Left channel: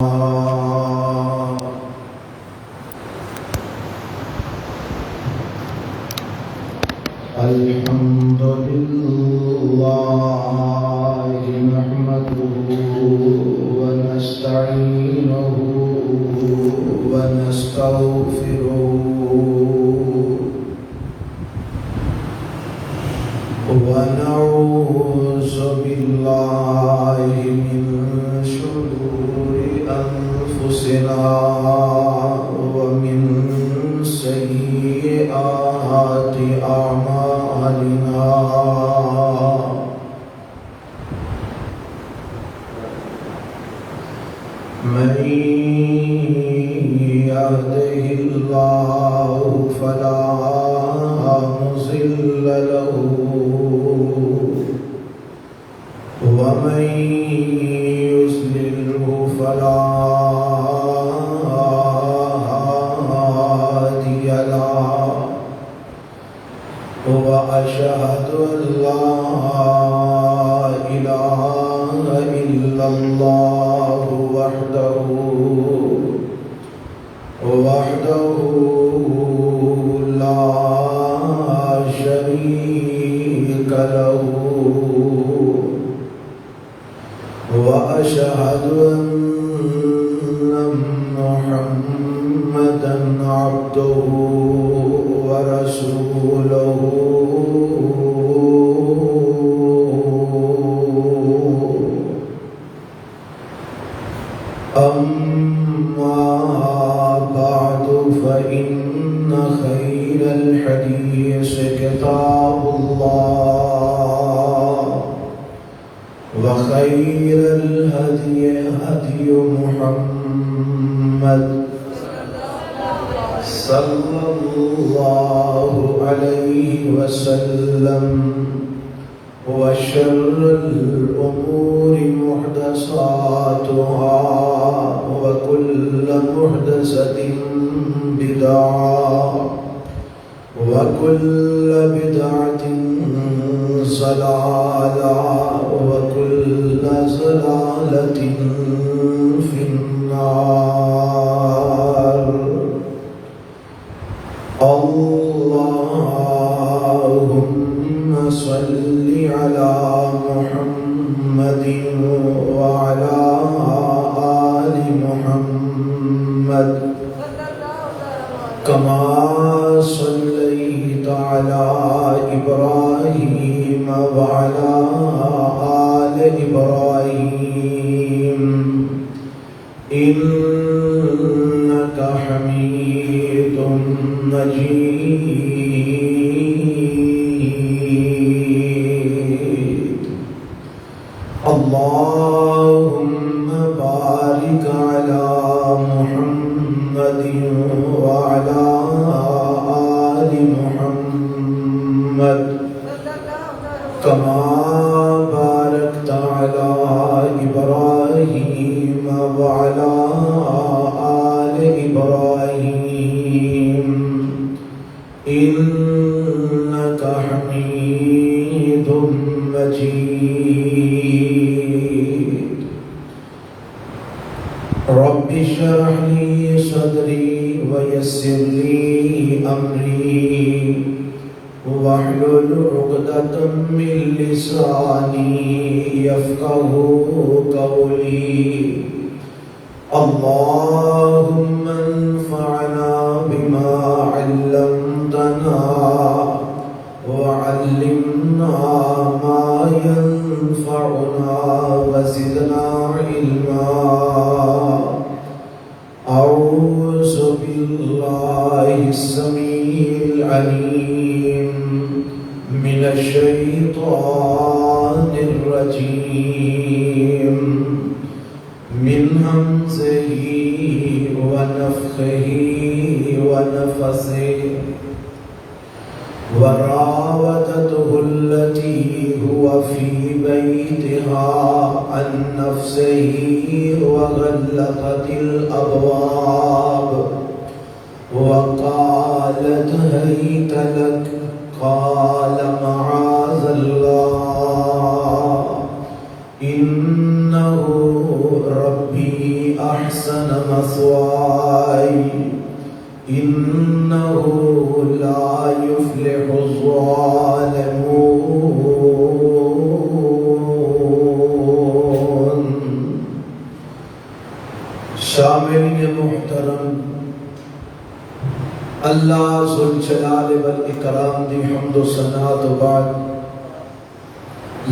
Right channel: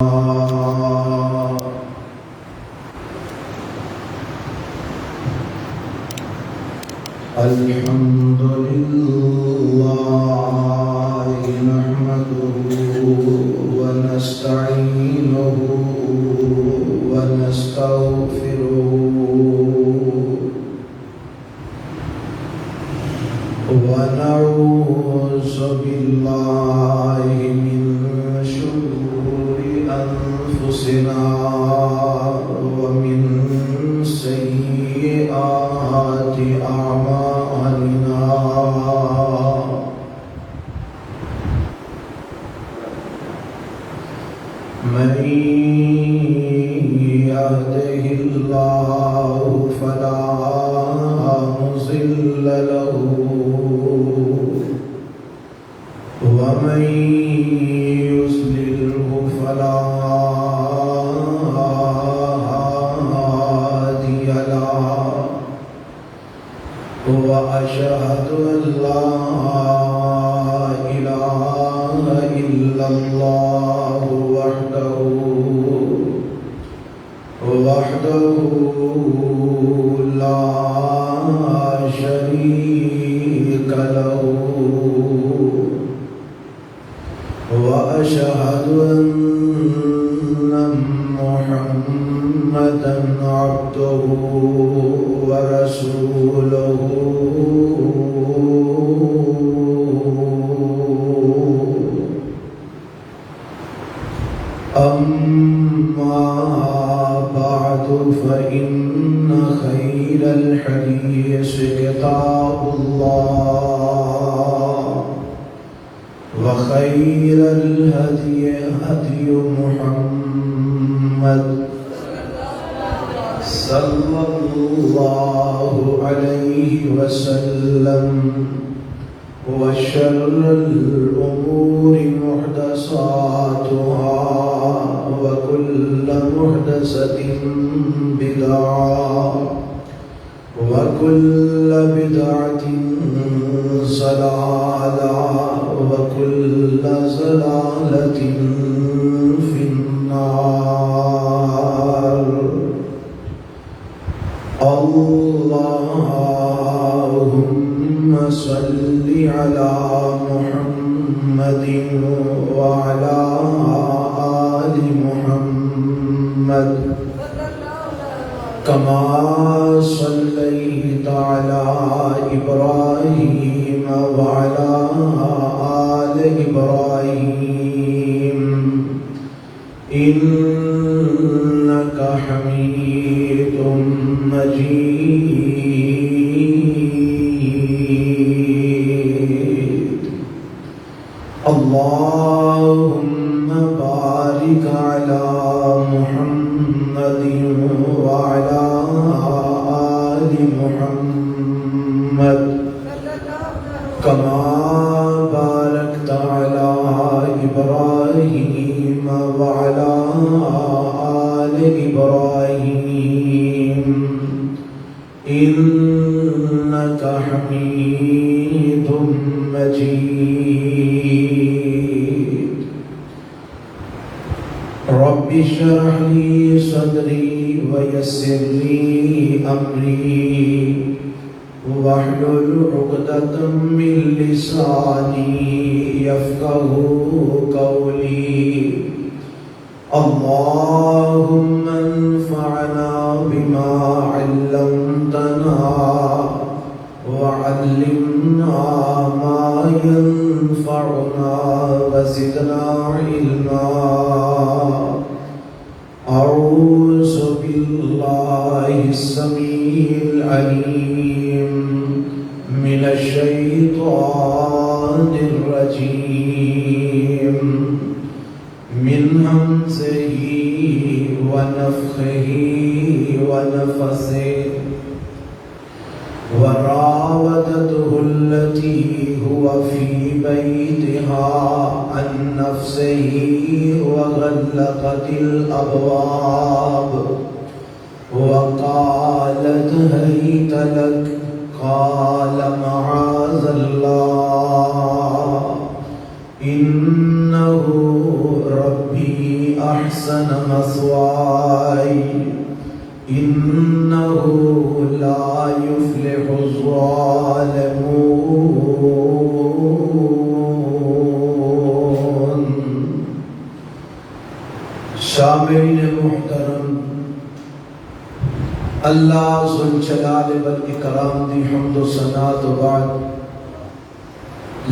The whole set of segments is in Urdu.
الحمد لله نحمده ونستعينه ونستغفره ونعوذ بالله من شرور أنفسنا ومن سيئات أعمالنا من يهده الله فلا مضل له ومن يضلله فلا هادي له وأشهد أن لا إله إلا الله وحده لا شريك له وأشهد أن محمدا عبده ورسوله أما بعد فإن خير الحديث كتاب الله وخير الهدي هدي محمد صلى الله عليه وسلم وشر الأمور محدثاتها وكل محدثة بدعة وكل بدعة ضلالة وكل ضلالة في النار. اللهم صل على محمد وعلى آل محمد كما صليت على إبراهيم وعلى آل إبراهيم إنك حميد مجيد. اللهم بارك على محمد وعلى آل محمد كما باركت على إبراهيم وعلى آل إبراهيم إنك حميد مجيد. رب اشرح لي صدري ويسر لي أمري واحلل عقدة من لساني يفقهوا قولي. اللهم انفعنا بما علمتنا وعلمنا ما ينفعنا وزدنا علما. أعوذ بالله السميع العليم من الشيطان الرجيم من همزه ونفخه ونفثه. وراودته التي هو في بيتها عن نفسه وغلقت الأبواب وقالت هيت لك قال معاذ الله إنه ربي أحسن مثواي إنه لا يفلح الظالمون۔ شامعین محترم، اللہ ذوالجلال والاکرام دی حمد و ثنا تو بعد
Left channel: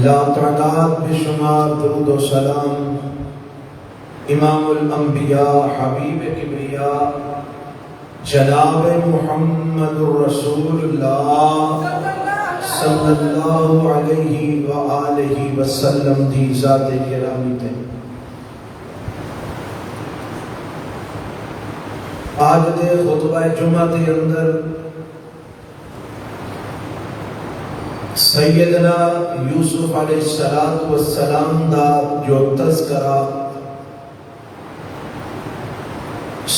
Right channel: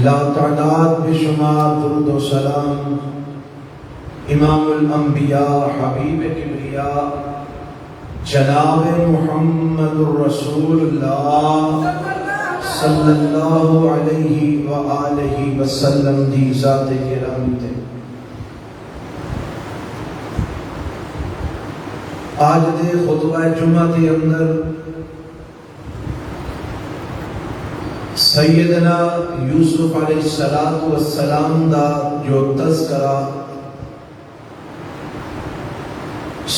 لا تعداد بشمار درود و سلام امام الانبیاء حبیب کبریا جناب محمد رسول اللہ صلی اللہ علیہ وآلہ وسلم دی ذات گرامی تے۔ آج دے خطبہ جمعہ دے اندر سیدنا یوسف علیہ السلام دا جو تذکرہ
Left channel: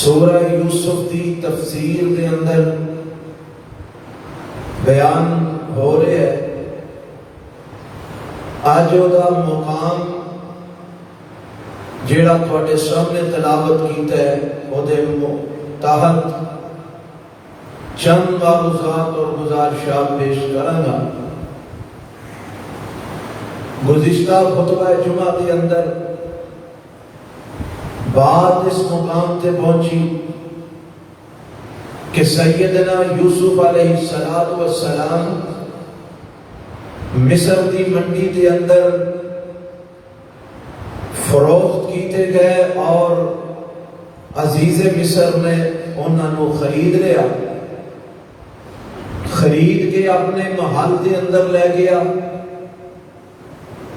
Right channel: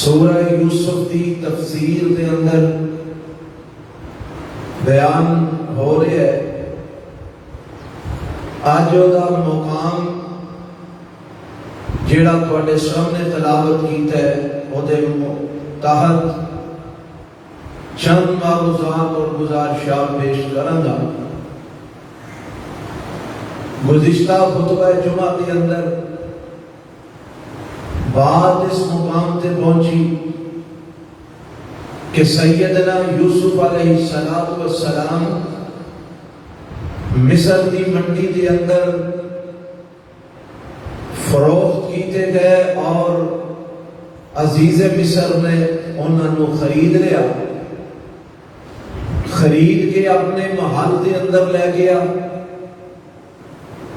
سورہ یوسف دی تفسیر دے اندر بیان ہو رہے ہے، آج دا مقام جیڑا تواڈے سامنے تلاوت کیتا ہے او دے تحت چند معروضات اور گزارشات پیش کروں گا۔ گزشتہ خطبہ جمعہ کے اندر بات اس مقام تے پہنچی کہ سیدنا یوسف علیہ السلام مصر دی منڈی کے اندر فروخت کیتے گئے اور عزیز مصر نے انہوں کو خرید لیا، خرید کے اپنے محل کے اندر لے گیا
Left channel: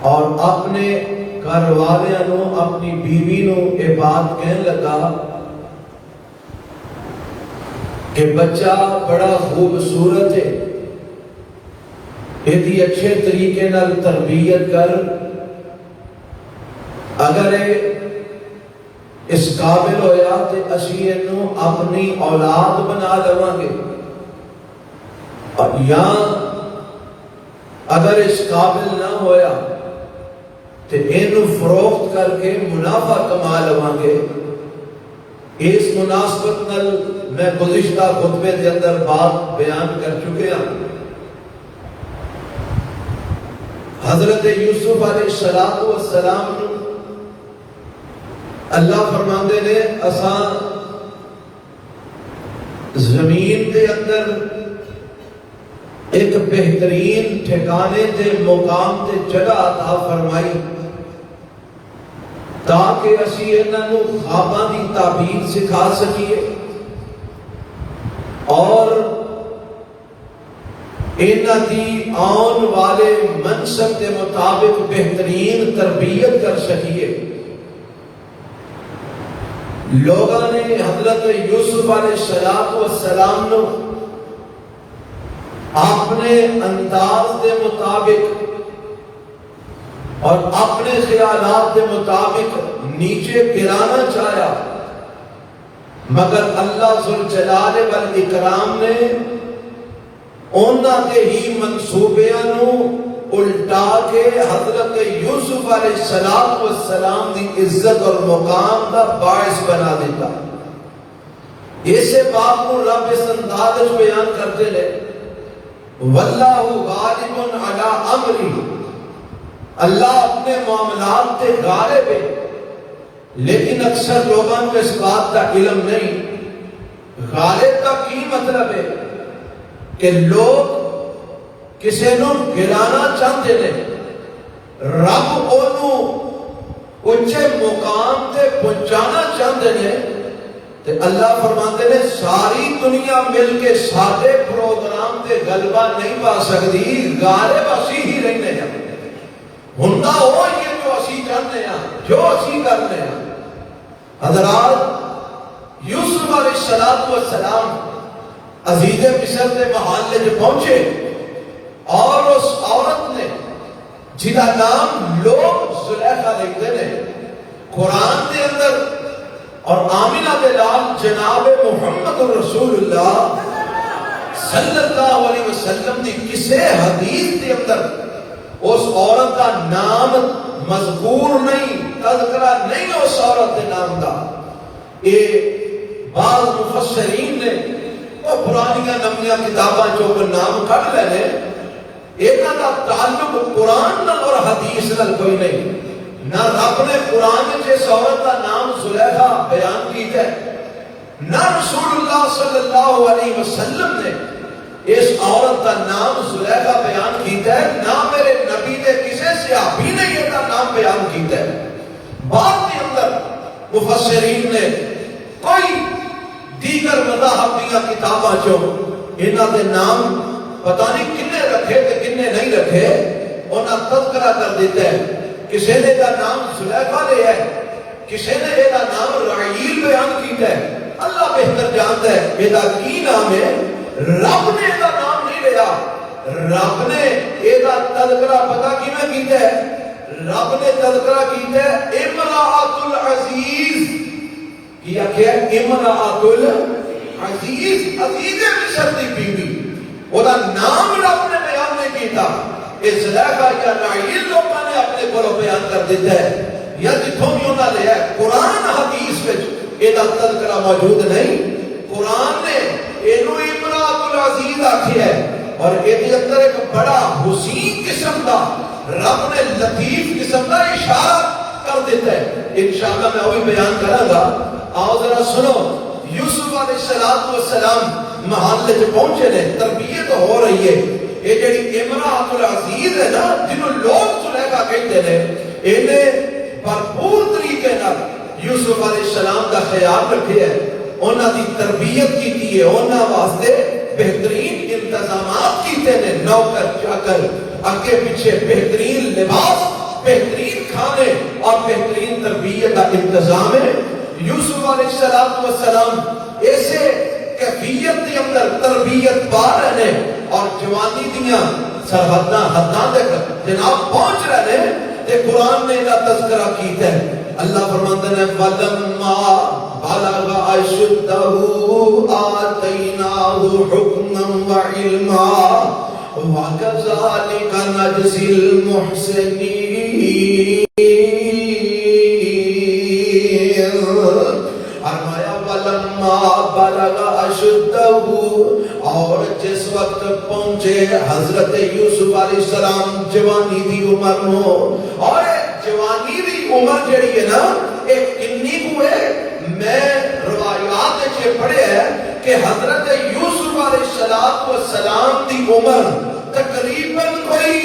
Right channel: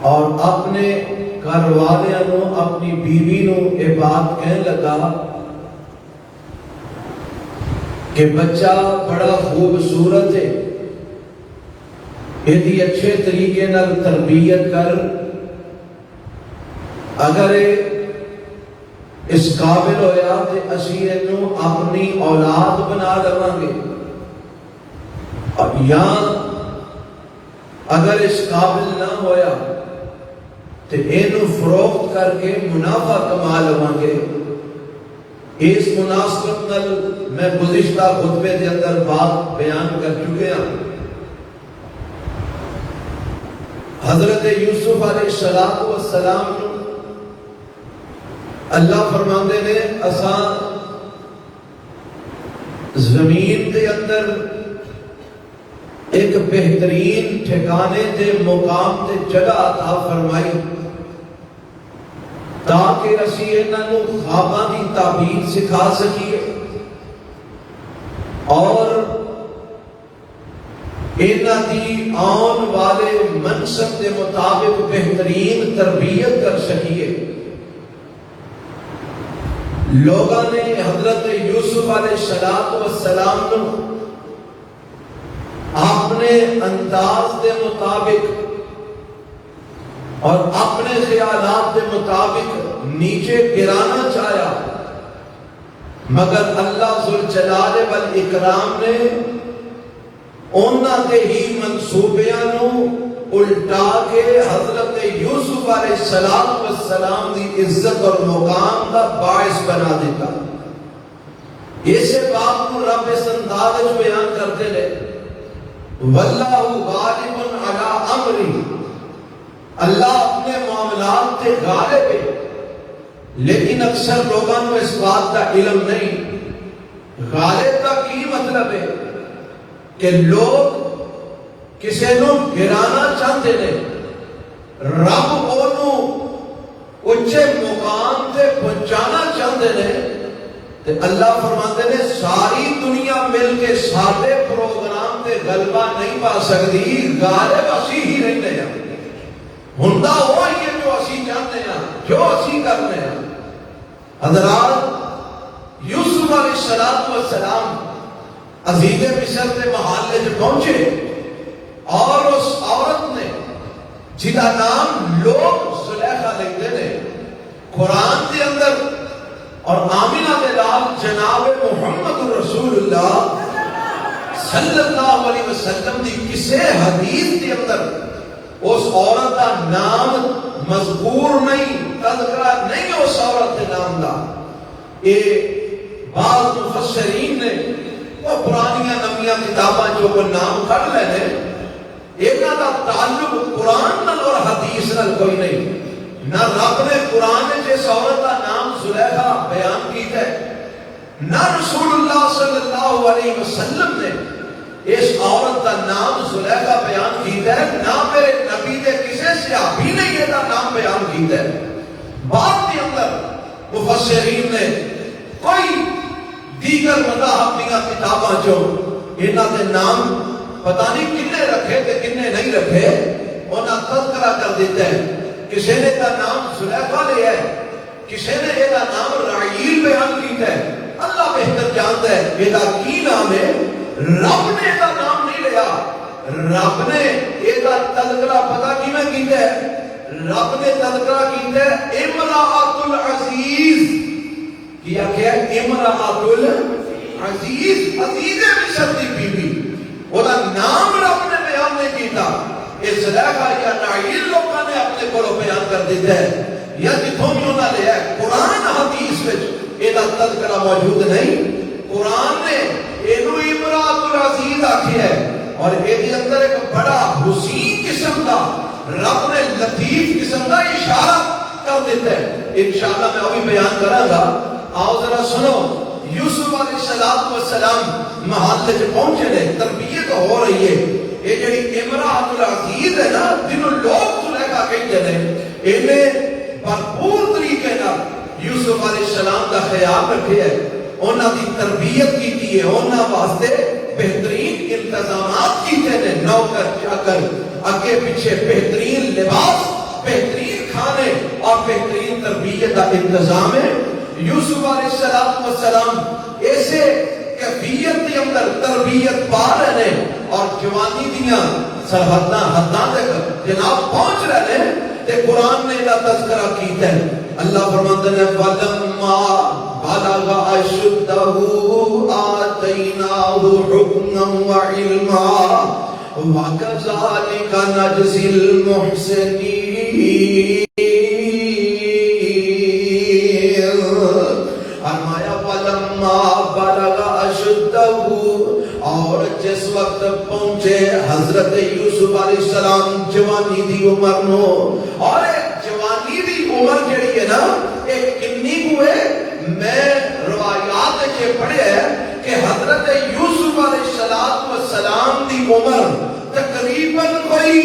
اور اپنے گھر والوں کو اپنی بیوی نو یہ بات کہنے لگا کہ بچہ بڑا خوبصورت ہے، یہ اچھے طریقے نال تربیت کر، اگر اس قابل ہویا تو اسی انہوں اپنی اولاد بنا لواں گے، یا اگر اس قابل نہ ہویا تو انہوں فروخت کر کے منافع کما لواں گے۔ اس مناسبت نال میں گزشتہ خطبے کے اندر بات بیان کر چکے ہیں۔ حضرت یوسف علیہ السلام اللہ فرماندے نے اساں زمین دے اندر ایک بہترین ٹھکانے دے مقام تے جگہ عطا فرمائی تاکہ اسی انہاں نوں خواباں دی تعبیر سکھا سکیے اور انہاں دی آن والے منصب کے مطابق بہترین تربیت کر سکیے۔ لوگوں نے حضرت یوسف علیہ السلام نو اپنے انداز کے مطابق اور اپنے خیالات کے مطابق نیچے گرانا چاہیا، مگر اللہ ذوالجلال والاکرام نے انہاں دے ہی منصوبیاں نو الٹا کے حضرت یوسف علیہ السلام دی عزت اور مقام کا باعث بنا دیتا۔ اسے بات کو رب اس انداز بیان کرتے لے واللہ غالب علی امرہ، اللہ اپنے معاملات تے غالب ہے، لیکن اکثر لوگوں کو اس بات کا علم نہیں۔ غالب کا کی مطلب ہے کہ لوگ کسی نو گرانا چاہتے ہیں، رب انہوں اچھے مقام تے پہنچانا چاہتے ہیں، تے اللہ فرماتے ہیں ساری دنیا مل کے سارے پروگرام تے غلبہ نہیں پا سکتی، غالب اسی ہی رہنے ہیں، ہندا وہی ہے جو اسی چاہتے ہیں، جو اسی کرتے ہیں۔ حضرات یوسف علیہ السلام عزیز مصر کے محلے میں پہنچے اور اس عورت نے جنہا نام لوگ زلیخا دیکھتے ہیں قرآن کے اندر اور آمینہ کے لال جناب محمد رسول اللہ صلی اللہ علیہ وسلم نے کسے حدیث کے اندر اس عورت کا نام مذکور نہیں، تذکرہ نہیں اس عورت کے نام کا، یہ بعض مفسرین نے وہ پرانیاں نمیاں کتاباں جو نام کر لینے انہاں دا تعلق قرآن نال اور حدیث نال کوئی نہیں. نہ رب نے قرآن جس عورت کا نام زلیخا بیان کیتا ہے، نہ رسول اللہ صلی اللہ علیہ وسلم نے اس عورت کا نام زلیخا بیان کیتا ہے، نہ میرے نبی نے کسی صحابی نے یہ نام بیان کیتا ہے. بعد کے اندر مفسرین نے کوئی دیگر مذاہب دیا کتاباں جو انہاں دے نام پتہ نہیں کنے رکھے تے کنے نہیں رکھے انہاں تذکرہ کر دیتے ہیں. کسی نے دا نام زلیخا لیا ہے، کسی نے یہ نام رعیل بیان کیتا ہے. اللہ بہتر جانتا ہے یہ کی نام ہے. رب نے یہ نام نہیں لیا. رب نے یہ تذکرہ پتہ کیوں کیتا ہے؟ رب نے تذکرہ کیتا ہے امرأۃ العزیز. کیا کہ امرأۃ العزیز، عزیز مصر دی بیوی. وہ نام رب نے بیان نہیں کیتا. اس زلیخا یا رعیل لوگوں نے اپنے کو بیان کر دیتا ہے یا جتوں بھی انہوں نے لیا ہے. قرآن حدیث میں یہ تذکرہ موجود نہیں. قرآن نے اینو امرأۃ العزیز آکھی ہے اور یہ اندر ایک بڑا حسین قسم کا رب نے لطیف قسم کا اشارہ کر دیتا ہے. انشاءاللہ میں ابھی بیان کروں گا. آؤ ذرا سنو. یوسف علیہ السلام محلے سے پہنچے نے، تربیت ہو رہی ہے. یہ جڑی امرأۃ العزیز ہے نا جنہوں لوگ زلیخا کہتے ہیں، انہیں بھرپور طریقے نال یوسف علیہ السلام کا خیال رکھے ہے، انہاں دی تربیت کی ہے، انہاں واسطے بہترین انتظامات کیتے ہیں. نوکر چاکر، آگے پیچھے بہترین لباس، بہترین کھانے اور بہترین تربیت کا انتظام ہے. یوسف علیہ السلام ایسے کیفیت کے اندر تربیت پا رہے ہیں اور جوانی دیاں سرحداں حداں تک جناب پہنچ رہے ہیں. تے قرآن نے یہ تذکرہ کیتا ہے. اللہ فرماتے ہیں فَلَمَّا بَلَغَ أَشُدَّهُ آتَيْنَاهُ حُكْمًا وَعِلْمًا وَكَذَلِكَ نَجْزِي الْمُحْسِنِينَ. اور جس وقت پہنچے حضرت یوسف علیہ السلام جوانی دی عمر نو، اور جوانی دی عمر جڑی ہے نا ایک کنی کو ہے. میں روایات کے پڑھے ہے کہ حضرت یوسف علیہ السلام دی عمر تقریباً کوئی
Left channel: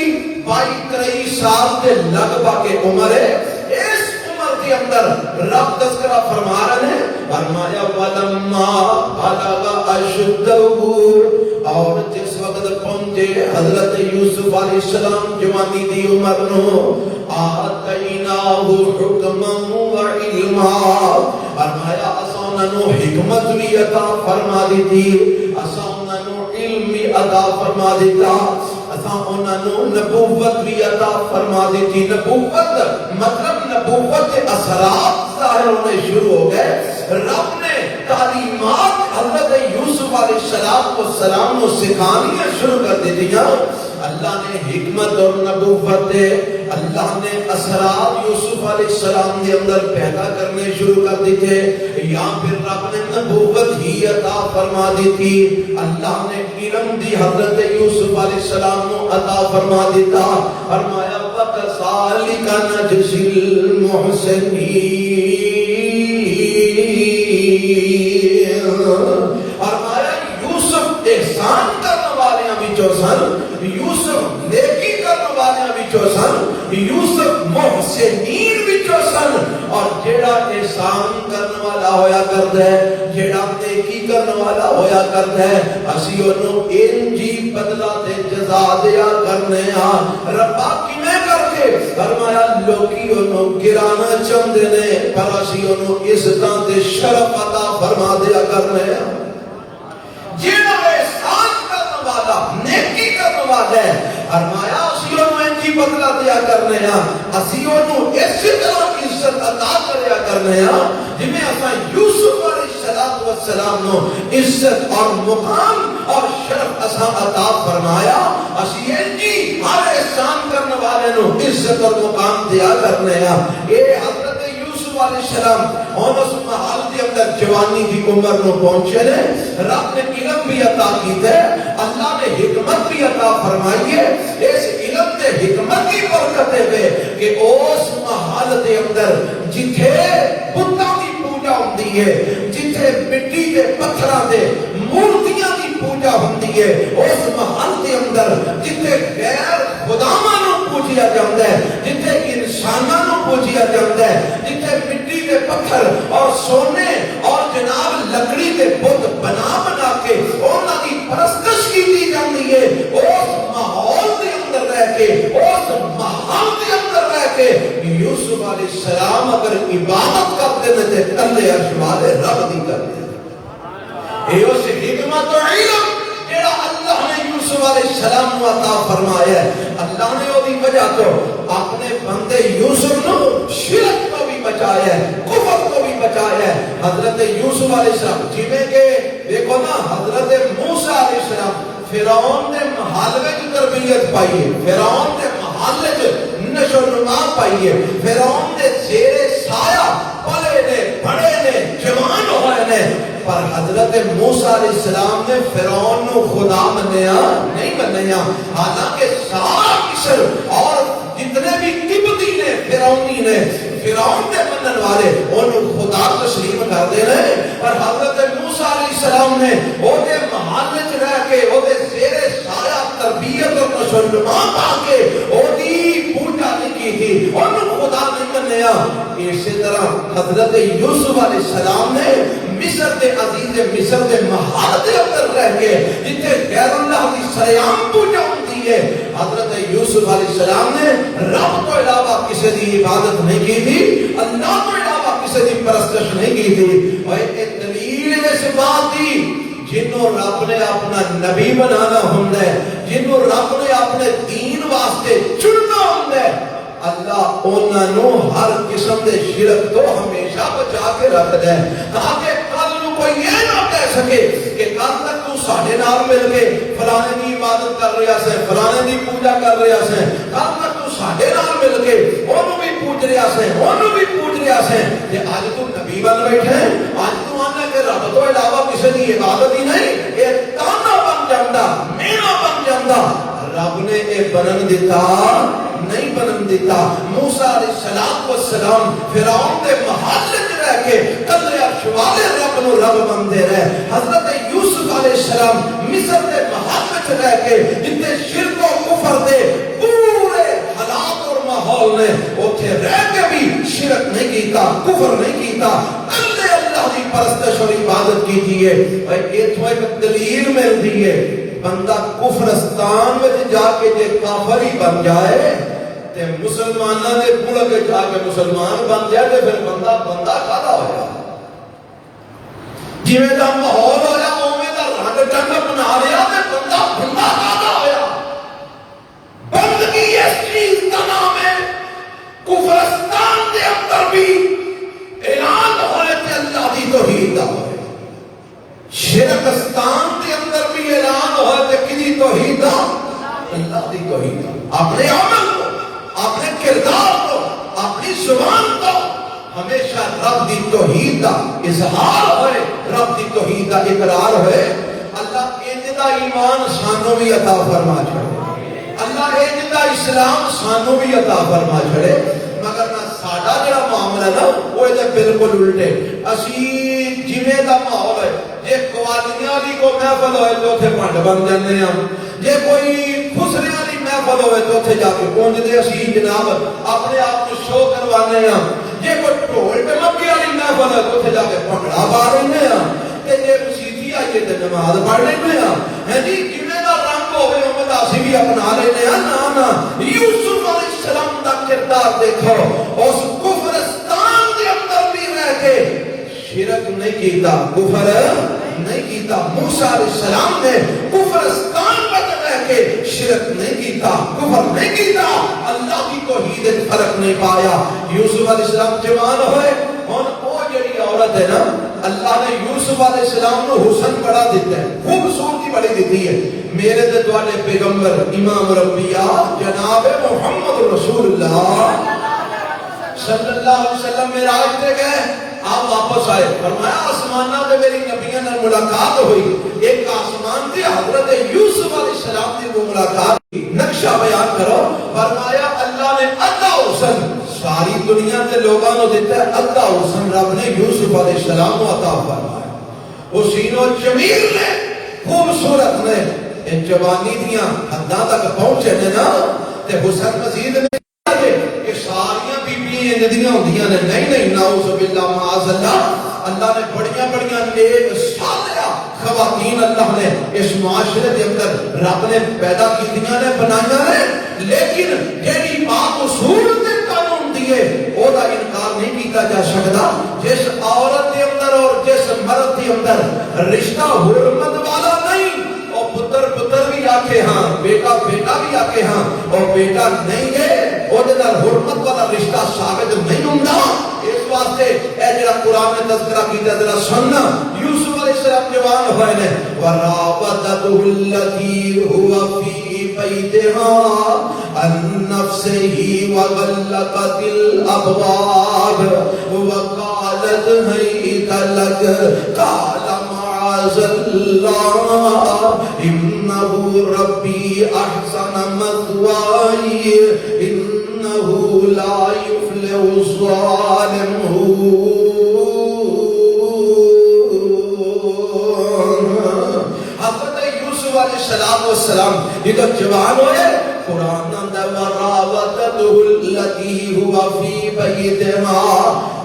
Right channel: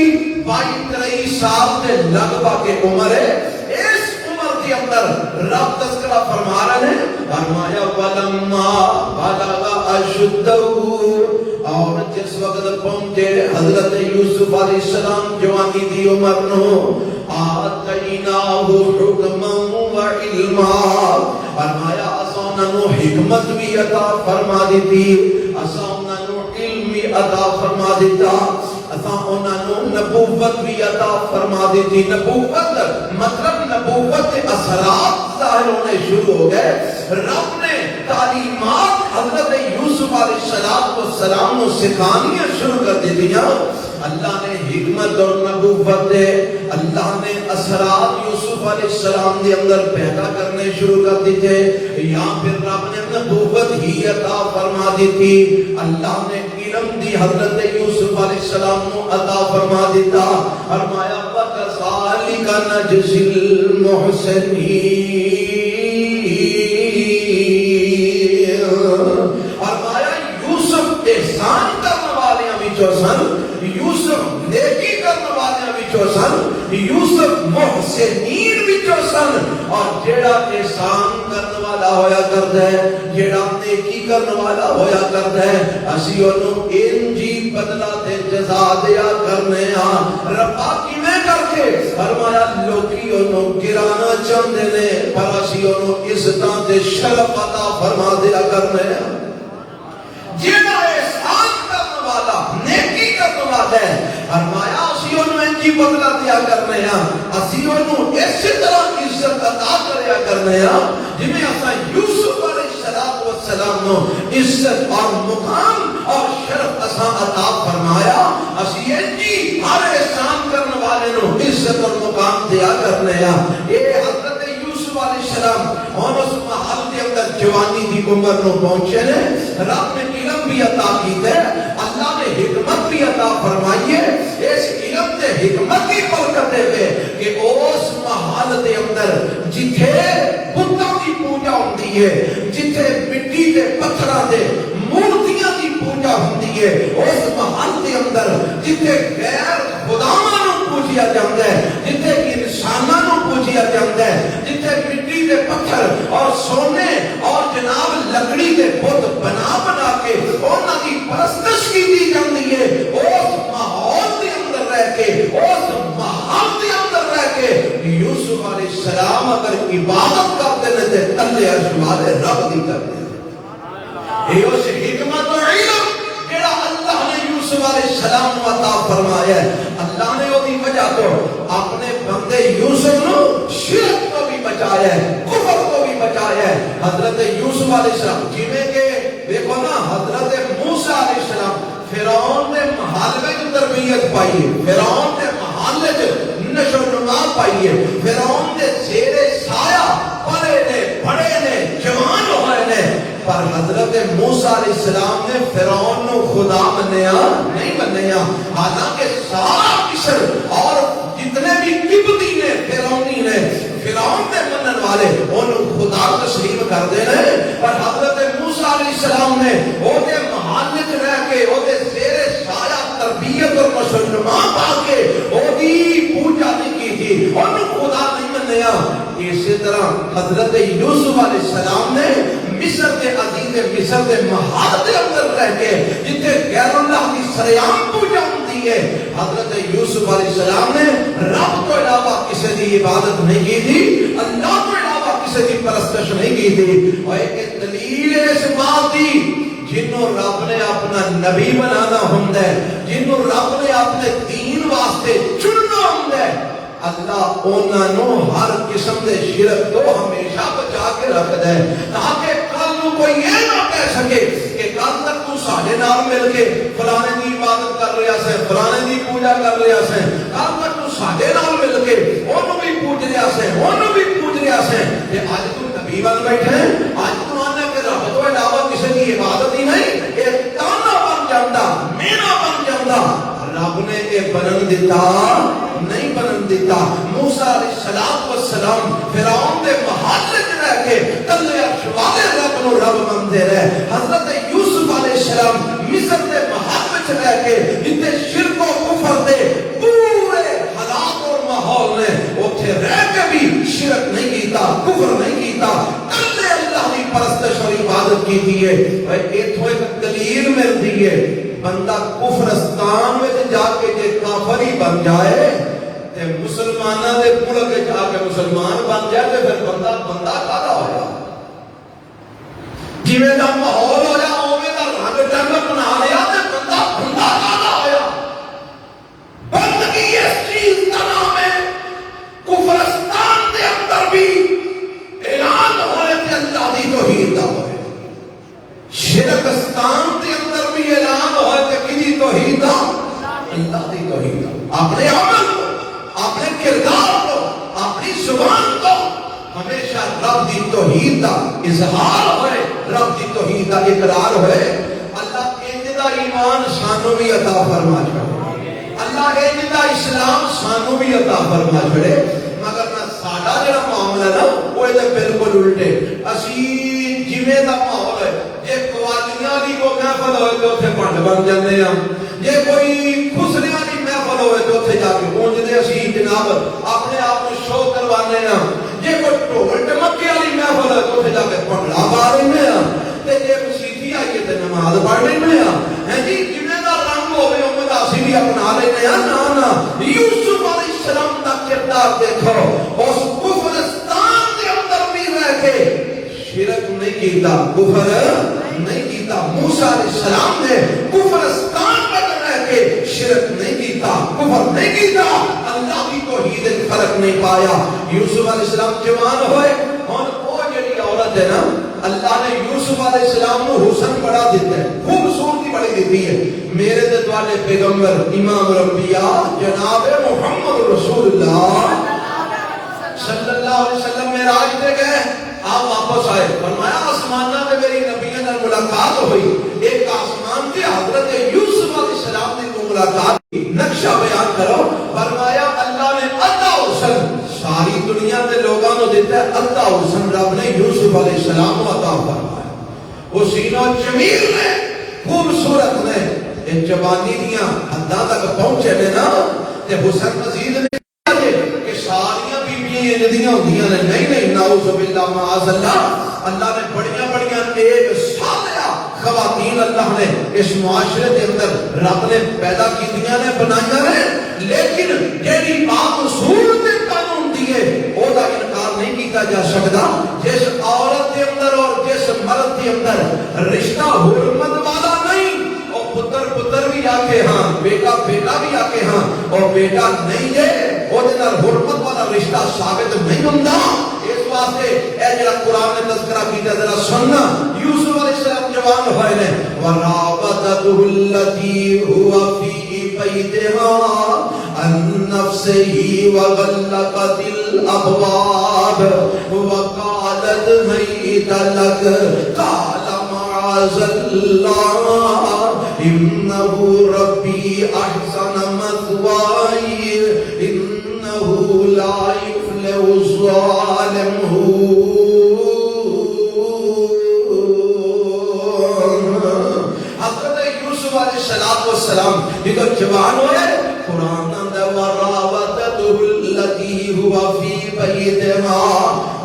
22-23 سال کے لگ بھگ کے عمر ہے. اس عمر کے اندر رب تذکرہ فرما رہے ہیں. فرمایا فَلَمَّا بَلَغَ أَشُدَّهُ، اور جس وقت پہنچے حضرت یوسف علیہ السلام جوانی دی عمر نو، آتَيْنَاهُ حُكْمًا وَعِلْمًا، فرمایا اساں انہوں حکمت بھی عطا فرما دیتی، اساں انہوں علم بھی عطا فرما دیتا، اساں انہوں نبوت بھی عطا فرما دیتی. نبوت مطلب نبوت کے اثرات ظاہر ہونے شروع ہو گئے. رب نے تعلیمات حضرت یوسف علیہ السلام کو سکھانیاں شروع کر دی دیا. اللہ نے حکمت اور نبوت دے، اللہ نے اثرات یوسف علیہ السلام کے اندر پیدا کرنے شروع کر دیتے، یا پھر رب نے نبوت ہی عطا فرما دی تھی. اللہ نے علم دی حضرت یوسف علیہ السلام کو عطا فرما دیتا. فرمایا وَكَذَلِكَ نَجْزِي الْمُحْسِنِينَ. فرمایا یوسف احسان کرنے والے وچوں سن، یوسف نیکی کرنے والے وچوں سن، یوسف محسنین وچوں سن. اور جیڑا احسان کرنے والا ہویا کرتا ہے، جیڑا نیکی کرنے والا ہویا کرتا ہے، اسی انہوں انجی بدلہ تے جزا دیا کرنے ہاں. ربا کیویں کر کے؟ فرمایا لوکی انہوں گرانا چاہتے نے پر اسی انہوں عزتاں تے شرف عطا فرما دیا کرنے ہاں. جیڑا احسان کرنے والا نیکی کرنے والا ہے، فرمایا اسی انہوں انجی بدلہ دیا کرنے ہاں، اسی انہوں اسی طرح عزت عطا کریا کرنے ہاں جنہیں اساں یوسف علیہ السلام نو عزت اور مقام اور شرف اساں عطا فرمایا. اسی انجی ہر احسان کرنے والے نو عزت اور مقام دیا کرنے ہاں. یہ حضرت یوسف علیہ السلام اور اس محل کے اندر جوانی کی عمر نو پہنچے نے، رب نے علم بھی عطا کیتا ہے، اللہ نے حکمت بھی عطا فرمائی ہے، اس علم تے حکمت کی برکت ہے کہ اس محل دے اندر جتھے بتاں دی پوجا ہوندی ہے، جتھے مٹی دے پتھراں دے مورتیاں دی پوجا ہوندی ہے، اس محل دے اندر جتھے غیر خداواں نو پوجیا جاندا ہے، جتھے انساناں نو پوجیا جاندا ہے، جتھے مٹی دے پتھر اور سونے اور جناب لکڑی دے بت بنا بنا کے انہاں دی پرستش کی جاندی ہے، اس ماحول دے اندر رہ کے، اس ماحول دے اندر رہ کے یوسف علیہ السلام اگر عبادت کرتے ہیں تے تلے عرش والے رب دی کرتے ہیں۔ یہ اس حکمت و علم جڑا اللہ نے یوسف علیہ السلام کو عطا فرمایا ہے، اللہ نے وہ بھی وجہ تو اپنے بندے یوسف نو شرک کو بھی بچایا ہے، کفر کو بھی بچایا ہے۔ حضرت یوسف علیہ السلام جویں کہ دیکھو نا، حضرت موسیٰ علیہ السلام فرعون نے محل وچ تربیت پائی ہے، فرعون نے محل وچ نشو نما پائی ہے، فرعون دے زیر سایہ پلے نے، بڑے نے، جوان ہوئے نے، پر حضرت موسیٰ علیہ السلام نے فرعون کو خدا منیا نہیں منیا، حالانکہ سارا مصر اور جتنے بھی قبطی نے، فرعونی نے، فرعون نے منن والے انہوں خدا تسلیم کر دینے، پر حضرت موسیٰ علیہ السلام نے وہ دے محل وچ رہ کے وہ دے زیر سایہ تربیت اور نشوونما پا کے وہ دی پوجا نہیں کی تھی، انہوں خدا نہیں منیا۔ اسی طرح حضرت یوسف علیہ السلام نے مصر دے عزیز مصر دے محل دے اندر رہ کے جتنے غیر اللہ کی سریام پوجا ہوتی ہے، حضرت یوسف علیہ السلام نے رب کو علاوہ کسی دی عبادت نہیں کی تھی، اللہ کو علاوہ کسی دی پرستش نہیں کی تھی۔ اور ایک دلیل اس بات دی جنہوں رب نے اپنا نبی بنانا ہوتا ہے، جنہوں رب نے اپنے دین واسطے چننا ہوتا ہے، اللہ انہوں ہر قسم دے شرک تو ہمیشہ بچا کے رکھتا ہے، تاکہ کل نو کوئی یہ نہ کہہ سکے کہ کل تک تو ساڈے نال مل کے فلانے دی عبادت کر رہا سے، فلانے دی پوجا کر رہا سے، کل تک تو ساڈے نال مل کے انہوں بھی پوج رہا سے، انہوں بھی پوج رہا سے، کہ آج تو نبی بن بیٹھے، آج تو آنے کہ رب تو علاوہ کسی دی عبادت ہی نہیں، ایک تانا بن جاندہ، مینا بن جاندہ، رب نے ایک بنن دیتا نہیں بنن دیتا۔ موسیٰ علیہ السلام فرعون دے محل وچ رہ کے تلے عرش والے رب نو رب بنتے رہے، حضرت یوسف علیہ السلام مصر دے محل وچ رہ کے جتنے شرک و کفر دے پورے حالات اور ماحول نے اوتھے رہ کے بھی شرک نہیں کیتا، کفر نہیں کیتا، تلے اللہ کی پرستش اور عبادت کی ہے۔ ایتھوں ایک دلیل ملتی ہے، بندہ کفرستان میں جا کے جے کافر ہی بن جائے تے مسلمانہ دے ملک جا کے مسلمان بن جائے تے پھر بندہ کھانا ہو جائے، جویں دا ماحول ہویا اوویں دا رنگ ڈنگ بنا لیا تے بندہ کھانا ہویا۔ بندگی اس چیز کا نام ہے، کفرستان دے اندر بھی اعلان ہوئے تے اللہ دی توحید دا ہوئے، شرکستان کے اندر بھی اعلان ہوا کہ کسی توحید اللہ کی توحید، اپنے عمل کو، اپنے کردار کو، اپنی زبان کو ہمیشہ رب دی توحید کا اظہار ہوئے، رب دی توحید کا اقرار ہوئے۔ اللہ انجدہ ایمان سانوں بھی عطا فرما چھڑے، اللہ انجدہ اسلام سانوں بھی عطا فرما چھڑے، مگر نہ ساڑھا جڑا معاملہ نا وہ ہے بالکل الٹے، اسی جویں دا ماحول ہے، جے قوالیاں دی کو محفل ہوئے تو اتھے پنڈ بن جاندے ہیں، جے کوئی خسریاں دی محفل ہوئے تو اتھے جا کے پہنچ دے اسی جناب اپنے آپ کو شو کروانے ہیں، جے کوئی ڈھول ڈمکے والی محفل ہے تو اتھے جا کے بھنگڑا پا رہے ہیں، تے جے مسیتی آئیے تے نماز پڑھ رہے ہیں، جی جویں دا رنگ ہوئے اوویں دا اسی بھی اپنا رہے ہیں۔ نا یوسف علیہ السلام دا کردار دیکھو، اس کفرستان دے اندر بھی رہ کے شرک نہیں کیتا، کفر نہیں کیتا۔ موسیٰ علیہ السلام نے کفرستان میں رہ کے شرک نہیں کیتا، کفر نہیں کیتا، اللہ کی توحید فرق نہیں پایا۔ یوسف علیہ السلام جوان ہوئے اور وہ جڑی عورت ہے نا، اللہ نے یوسف علیہ السلام کو حسن بڑا دیتا ہے، خوبصورتی بڑی دیتی ہے۔ میرے دلوالے پیغمبر امام الانبیاء جناب محمد رسول اللہ صلی اللہ علیہ وسلم معراج پہ گئے، آپ واپس آئے، فرمایا آسمانہ میں میری نبیوں نے ملاقات ہوئی، ایک آسمان سے حضرت یوسف علیہ السلام نے وہ ملاقات کی، نقشہ بیان کرو، فرمایا اللہ نے ادھا حسن ساری دنیا کے لوگوں کو دیتا ہے، ادھا حسن رب نے یوسف علیہ السلام کو عطا فرمایا۔ حسین و جمیل نے، خوبصورت نے، ان جوانی دیاں حداں تک پہنچے نے نا، تے حسن مزید نے کہ ساریاں بیبیاں جدیاں ہوندیاں نے، نہیں نعوذ باللہ معاذ اللہ، اللہ نے بڑیاں ایک صالحہ خواتین اللہ نے اس معاشرے کے اندر رب نے پیدا کیتیاں نے، بنایا ہے، لیکن جیڑی بات اصول کے قانون دیے وہ دا انکار نہیں کیتا جا سکتا۔ جس عورت کے اندر اور جس مرد کے اندر رشتہ حرمت والا نہیں، اور پتر بھی آکے ہاں، بیٹا بھی آکے ہاں، اور بیٹا نہیں ہے وہ حرمت والا رشتہ ثابت نہیں ہوتا۔ اس واسطے اے جڑا قرآن نے تذکرہ کیتا ذرا سننا، یوسف علیہ السلام جوان ہوئے نے، وَرَاوَدَتْهُ الَّتِي هُوَ فِي بَيْتِهَا عَن نَّفْسِهِ وَغَلَّقَتِ الْأَبْوَابَ وَقَالَتْ هَيْتَ لَكَ قَالَ مَعَاذَ اللَّهِ إِنَّهُ رَبِّي أَحْسَنَ مَثْوَايَ إِنَّهُ لَا يُفْلِحُ الظَّالِمُونَ۔ السلام جدو جوان ہوئے، قرآن دا وراودتہ التی ہوا فی بیتہا،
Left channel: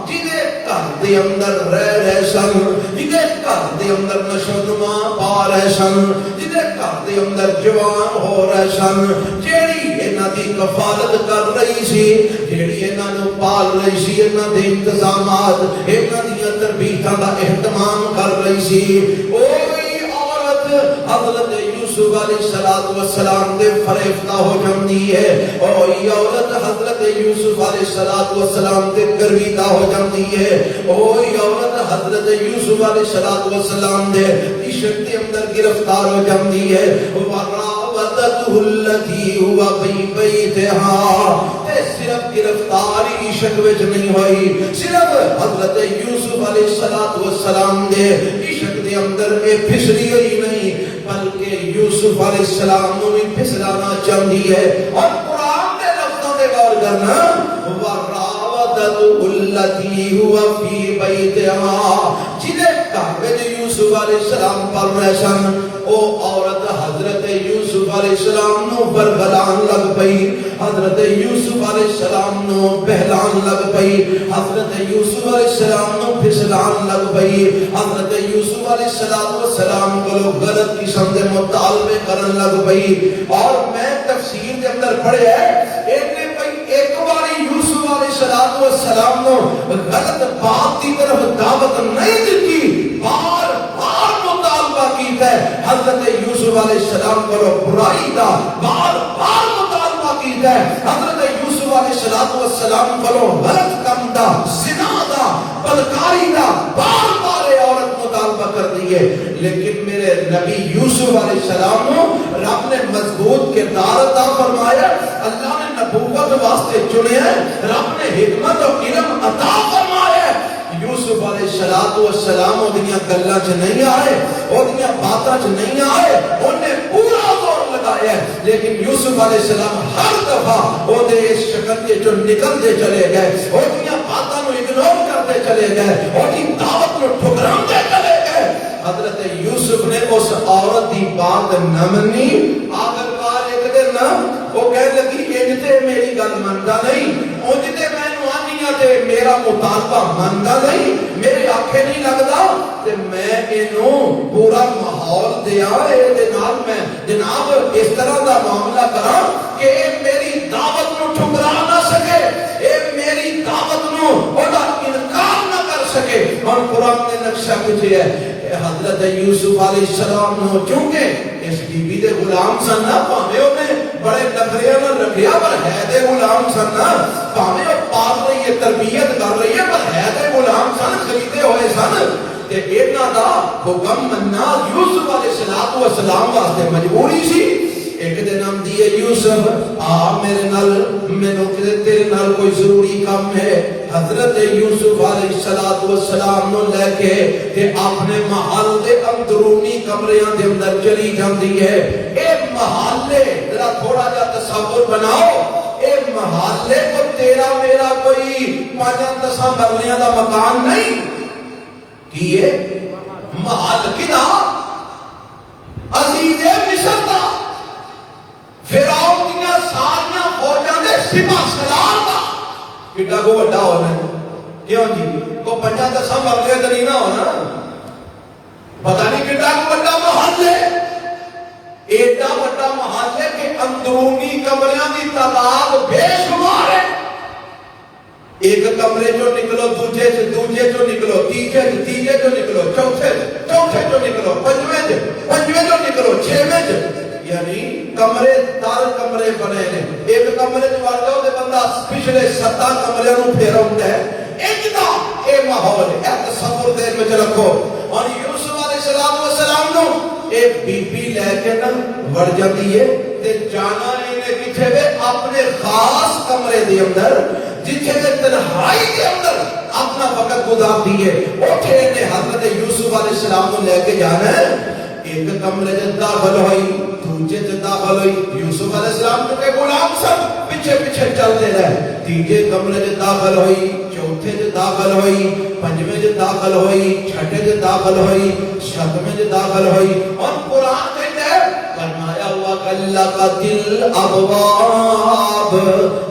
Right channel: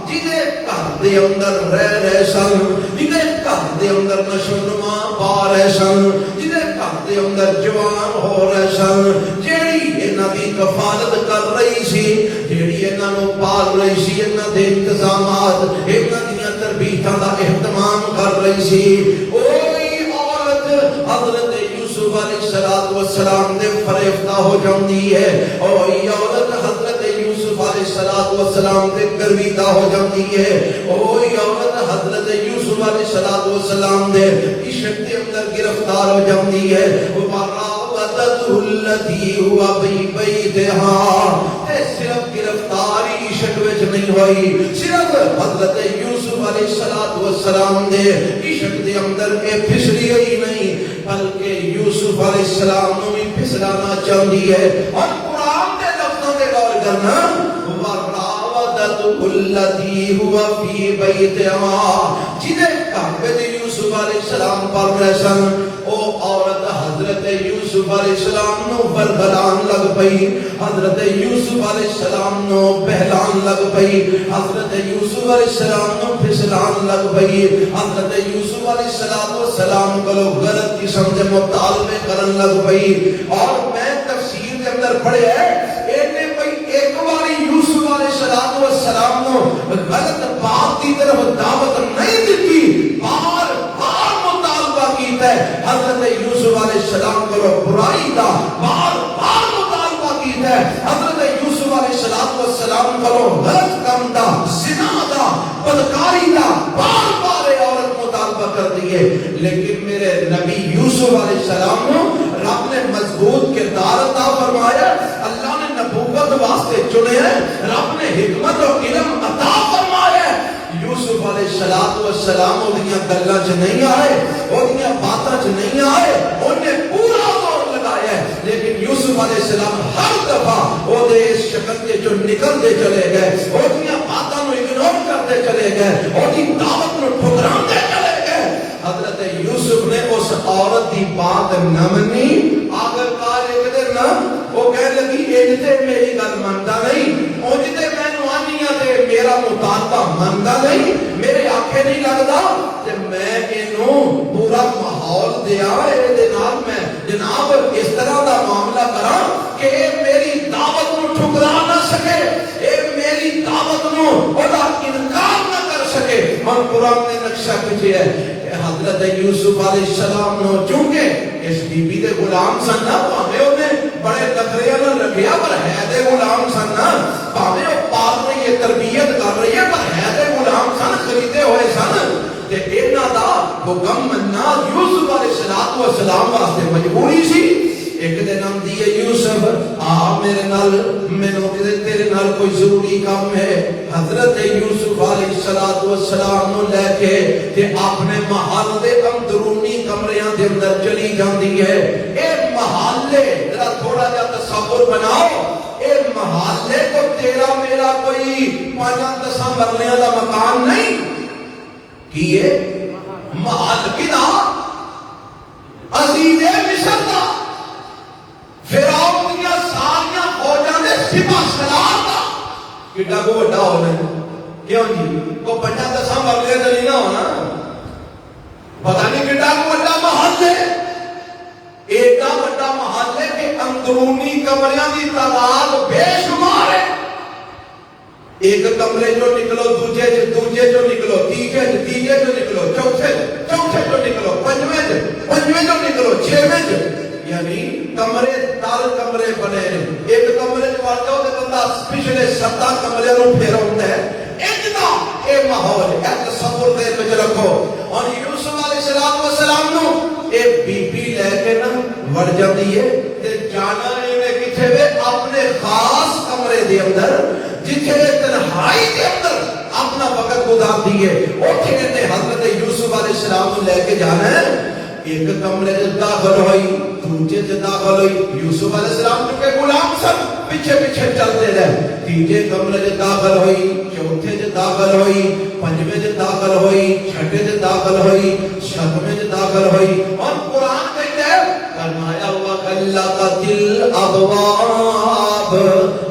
جدے گھر دے اندر رہ سن، جدے گھر دے اندر نشوما پا رہے سن، جدے گھر دے اندر جوان ہو رہے سن، جیڑی انہاں دی کفالت کر رہی سی، جیڑی انہاں نو پال رہی سی، انہاں دے انتظامات، انہاں دی تربیتاں دا اہتمام کر رہی سی، اوہی عورت حضرت یوسف علیہ السلام دے فریفتہ ہو جاندی ہے، اور یہ عورت حضرت یوسف علیہ السلام دے گرویدہ ہو جاندی ہے، اور یہ عورت حضرت یوسف علیہ السلام دے عشق دے اندر گرفتار ہو جاندی ہے۔ وَرَاوَدَتْهُ الَّتِي هُوَ فِي بَيْتِهَا، صرف گرفتاری عشق وچ نہیں ہوئی، صرف حضرت یوسف علیہ السلام دے عشق دے اندر اے پھسلی ہی نہیں، بلکہ یوسف علیہ السلام نو بھی پھسلانا چاہتی ہے۔ اور قرآن کے لفظوں کے غور کرنا، وَرَاوَدَتْهُ الَّتِي هُوَ فِي بَيْتِهَا، جدے گھر یوسف علیہ السلام پر رہ سن، او عورت حضرت یوسف علیہ السلام نو بربران لگ پئی، حضرت یوسف علیہ السلام نو بہلان لگ پئی، حضرت یوسف علیہ السلام نو پھسلان لگ پئی، حضرت یوسف علیہ السلام کو غلط قسم کے مطالبے کرن لگ پئی۔ اور میں تفسیر کے اندر پڑھیا ہے، ایک باری یوسف علیہ السلام نو غلط بات کی طرف دعوت نہیں دیتی، بار مطالبہ کیتا ہے، حضرت یوسف علیہ السلام کو برائی کا بار مطالبہ کیتا ہے، حضرت یوسف علیہ السلام کو غلط کام دا، زنا دا، بدکاری دا بار عورت مطالبہ کر دیئے، لیکن میرے نبی یوسف علیہ السلام کو رب نے مضبوط کردار عطا فرمایا، اللہ نے نبوت واسطے چنے ہیں، رب نے حکمت اور علم عطا فرمایا۔ یوسف علیہ السلام انہی گلہ چ نہیں آئے، انہی باتاں چ نہیں آئے، انہیں پورا زور لگایا ہے، لیکن یوسف علیہ السلام ہر دفعہ وہ دے اس شکل کے جو نکلتے چلے گئے، انہی باتاں نو اگنور کرتے چلے گئے، انہی دعوت نو ٹھکراتے چلے گئے۔ حضرت یوسف نے اس عورت کی بات نہ منی، آخر کار ایک دن وہ کہنے لگی اجتے میری گل منتا نہیں، اجتے میں نوانیاں تے میرا مطالبہ منتا نہیں، میرے آنکھیں نہیں لگتا، تے میں انہوں پورا ماحول دیا، میں جناب اس طرح کا معاملہ کرا کہ میری دعوت نو ٹھکرا نہ سکے، میری دعوت نو انکار نہ کر سکے۔ اور قرآن نے نقشہ کچھ ہے، حضرت یوسف علیہ السلام نو چونکہ اس بی بی دے غلام سن نا، پاہے انہیں بڑے نخریاں نہ رکھیا، پر ہے دے غلام سن نا، پاہے پال رہی ہے، تربیت کر رہی ہے، پر ہے دے غلام سن، خریدے ہوئے سن، تے اینا دا حکم مننا یوسف علیہ السلام واسطے مجبوری سی۔ ایک دن ہم دیئے یوسف آ میرے نال مینوں تیرے نال کوئی ضروری کام ہے. حضرت یوسف علیہ السلام نو لے کے تے اپنے محل دے اندرونی کمریاں دے اندر چلی جاندی ہے. اے محلے ذرا تھوڑا جا تصور بناؤ, اے محلے کو تیرا میرا کوئی 5-10 مرلیاں دا مکان نہیں کیے محل کنا عزیز مصر دا فرعون دیا ساریاں فوجاں دے سپاہ سالار دا کتنا کو بڑا ہونا ہے. کیوں جی وہ 5-10 مرلے تو نہیں نہ ہونا, پتہ نہیں کتنا کو بڑا محل ہے. ایڈا بڑا محل ہے کہ اندرونی کمریاں دی تعداد بے شمار ہے. ایک کمرے جو نکلو دوجے جو نکلو, تیجے جو نکلو, چوتھے جو نکلو, پنجویں جو نکلو, 6ویں یعنی کمرے دار کمرے بنے نے. ایک کمرے جو آتا ہے بندہ پچھلے 7 کمرے نو پھیرا ہوتا ہے. اتنا اے ماحول ہے, تصور دے کے رکھو. اور یوسف علیہ السلام نو ایک بی بی لے کے نا وڑ جاتی ہے تے جانا نہیں نے کتھے وے اپنے خاص کمرے دے اندر جتھے تنہائی دے اندر اپنا وقت گزارتی ہے. اوتھے نے حضرت یوسف علیہ السلام کو لے کے جانا ہے. ایک کمرے سے داخل ہوئی, دوسرے سے داخل ہوئی. یوسف علیہ السلام چکے غلام سب پیچھے پیچھے چلتے رہے. تیجے کمرے سے داخل ہوئی, چوتھے سے داخل ہوئی, پنجویں سے داخل ہوئی, چھٹے سے داخل ہوئی, 7ویں سے داخل ہوئی. اور قرآن کہتے ہیں فرمایا وَقَلَّقَتِ الْأَبْوَابُ,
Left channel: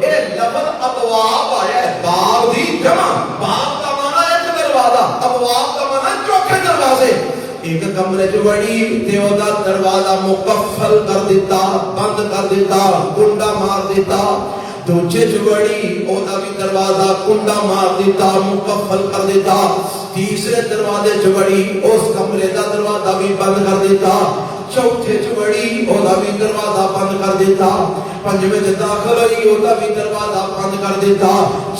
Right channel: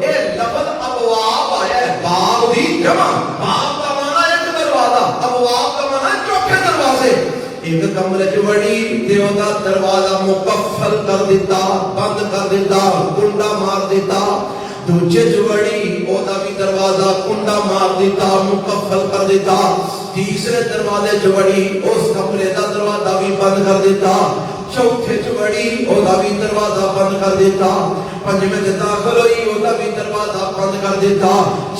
اے لفظ ابواب آیا ہے باب دی جمع. باب کا معنی ہے دروازہ, ابواب کا معنی ہے چوکھے دروازے. ایک کمرے چ وڑی تے دا دروازہ مقفل کر دیتا, بند کر دیتا, کنڈا مار دیتا. دوجے چ وڑی او دا بھی دروازہ کنڈا مار دیتا, مقفل کر دیتا. تیسرے دروازے چ وڑی اس کمرے دا دروازہ بھی بند کر دیتا. چوتھے چ وڑی او دا بھی دروازہ بند کر دیتا. پنجویں چ داخل ہوئی او دا بھی دروازہ بند کر دیتا.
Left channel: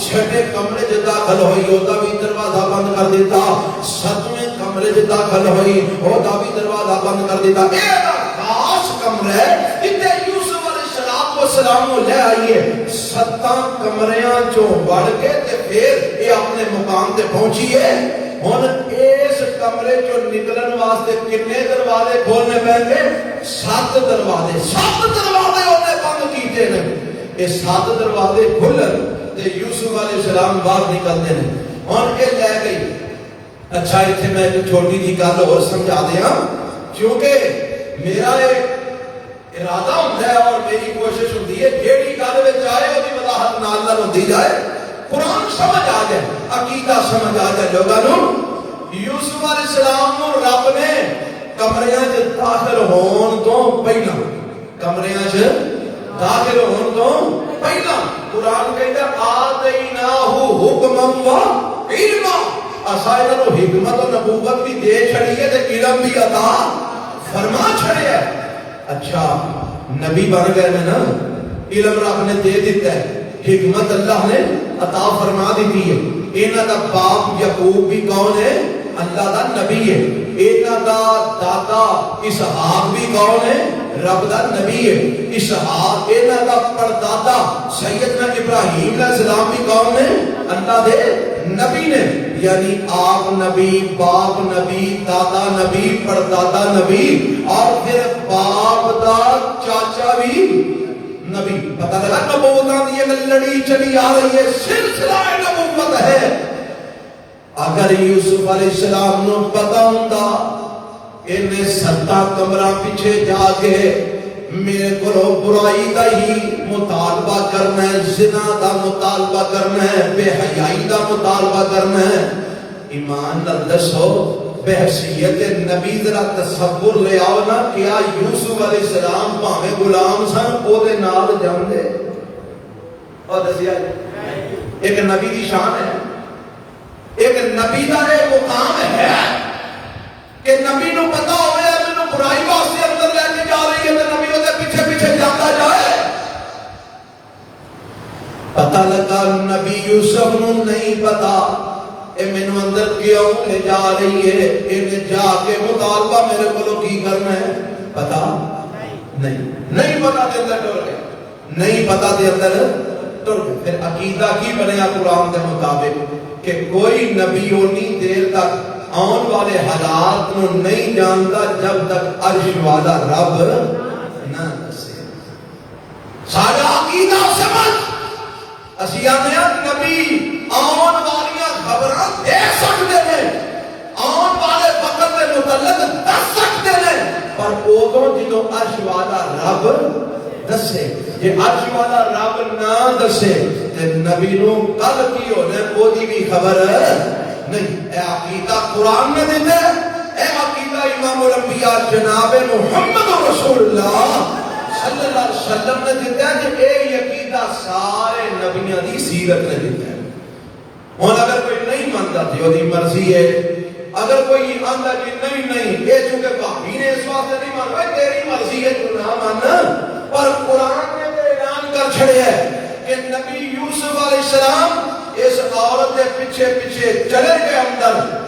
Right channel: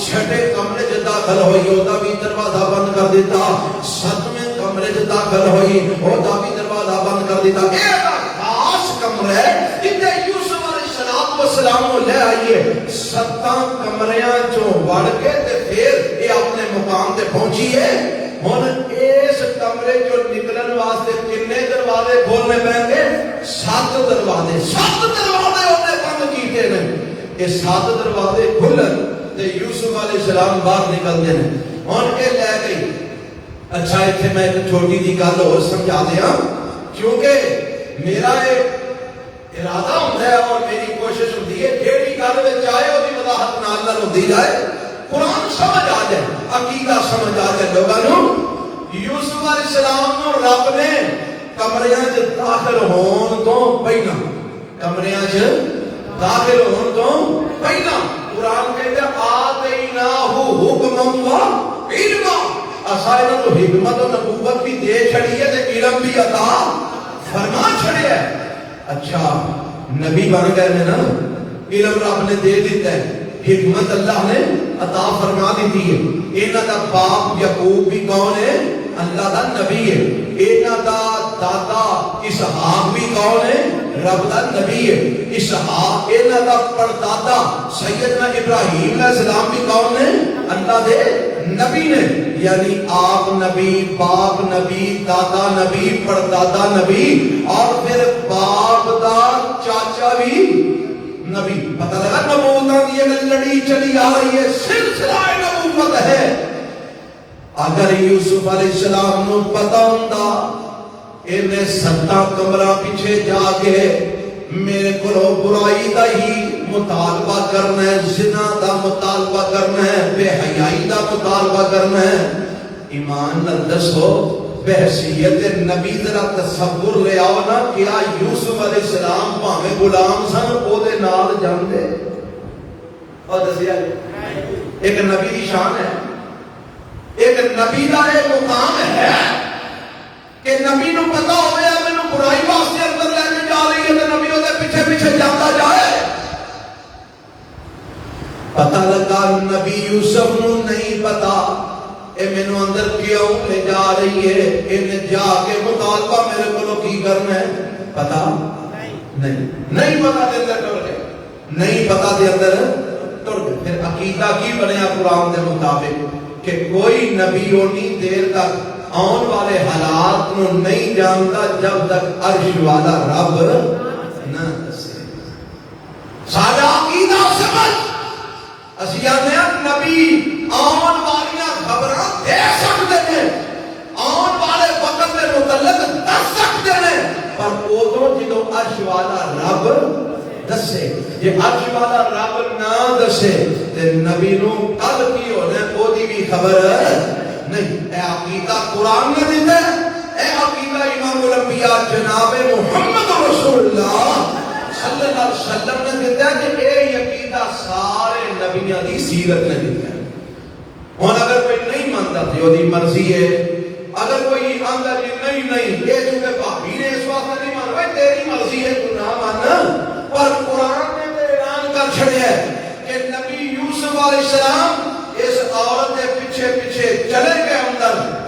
چھٹے کمرے چ داخل ہوئی او دا بھی دروازہ بند کر دیتا. 7ویں کمرے چ داخل ہوئی او دا بھی دروازہ بند کر دیتا. اے خاص کمرے جتے یوسف علیہ السلام کو لے آئیے. 7 کمریاں چوں وڑ کے تے پھر یہ اپنے مقام تے پہنچی ہے. ہن اس کمرے چوں نکلن واسطے کنے دروازے کھولنے پہنگے؟ 7 دروازے. 7 دروازے انہیں بند کیتے ہیں. یہ 7 دروازے کھلن تے یوسف علیہ السلام باہر نکلتے ہیں. اور یہ لے گئی. اچھا اتنے میں ایک چھوٹی دی گل اور سمجھا دیا, کیونکہ میرا ارادہ ہوتا ہے اور میری کوشش ہوتی ہے جیڑی گل وچ آئے وہ بھی وضاحت نال نال ہوندی جائے, قرآن سمجھ آ جائے, عقیدہ سمجھ آ جائے لوگاں نو. یوسف علیہ السلام نو رب نے کمریاں چ داخل ہون تو پہلا, کمریاں چ داخل ہون تو پہلا قرآن کہتا آتیناہ حکما و علما, اسائے نو حکمت و نبوت بھی دے چھڑی ہے تے علم بھی عطا فرما چھڑے ہے. اچھا نبی بن گئے نے نا, علم رب نے دے دیتا ہے, حکمت اللہ نے عطا فرما دی ہے. انہاں دا باپ یعقوب بھی کون ہے؟ اللہ دا نبی ہے. انہاں دا دادا اسحاق بھی کون ہے؟ رب دا نبی ہے. اسحاق انہاں دا پردادا سیدنا ابراہیم علیہ السلام بھی کون ہے؟ اللہ دے نبی نے. یعنی آپ نبی, باپ نبی, دادا نبی, پردادا نبی, اور پھر باپ دا چاچا بھی نبی. پتہ لگا نبوت یہ لڑی چلی آ رہی ہے, سلسلہ نبوت ہے. اگر یوسف علیہ السلام نو پتہ ہوندا انہیں 7 کمرہ پیچھے جا کے میرے کو برائی کا ہی مطالبہ کرنا ہے, زنا دا مطالبہ کرنا ہے, بے حیائی دا مطالبہ کرنا ہے, ایمان نال دسو بحثیت نبی ذرا تصور لے آؤ نا, کیا یوسف علیہ السلام بھاوے غلام سن او دے نال جاندے؟ اور دسیا ایک نبی کی شان ہے, ایک نبی کا ایک مقام ہے کہ نبی نو پتا ہو جائے مینوں برائی واسطے اندر لے کے جا رہی ہے تے نبی اودے پیچھے پیچھے جاتا جائے. پتہ لگا نبی یوسف نو نہیں پتا اے مینوں اندر کیوں لے جا رہی ہے, انہیں جا کے مطالبہ میرے کو کی کرنا ہے, پتا نہیں پتا کہ اللہ کر گیا. نہیں پتا دے اندر ٹر گئے. پھر عقیدہ کی بنیا قرآن کے مطابق کہ کوئی نبی اونی دیر تک آن والے حالات نو نہیں جانتا جب تک عرش والا رب نہ دسے. سارا عقیدہ سمجھ اسی آنے نبی آن والی خبراں دے سکتے ہیں, آن والے وقت کے متعلق دس سکتے ہیں, پر ادو جدو عرش والا رب دسے. یہ عرش والا رب نہ دسے تے نبی نو کل کی ہونے کوئی بھی خبر نہیں. اے عقیدہ قرآن نے دیتا ہے, اے عقیدہ امام الانبیاء جناب محمد رسول اللہ صلی اللہ علیہ وسلم نے دیتا ہے کہ اے عقیدہ سارے نبیوں کی سیرت نے دیتا ہے. اور اگر کوئی نہیں مانتا تو وہ مرضی ہے, اگر کوئی آندا کہ نہیں یہ چونکہ بھابی نے اس واسطے نہیں مان رہا تیری مرضی ہے تو نہ مان, پر قرآن نے تو اعلان کر چھڑیا ہے کہ نبی یوسف علیہ السلام اس عورت کے پیچھے پیچھے چلے گئے اندر.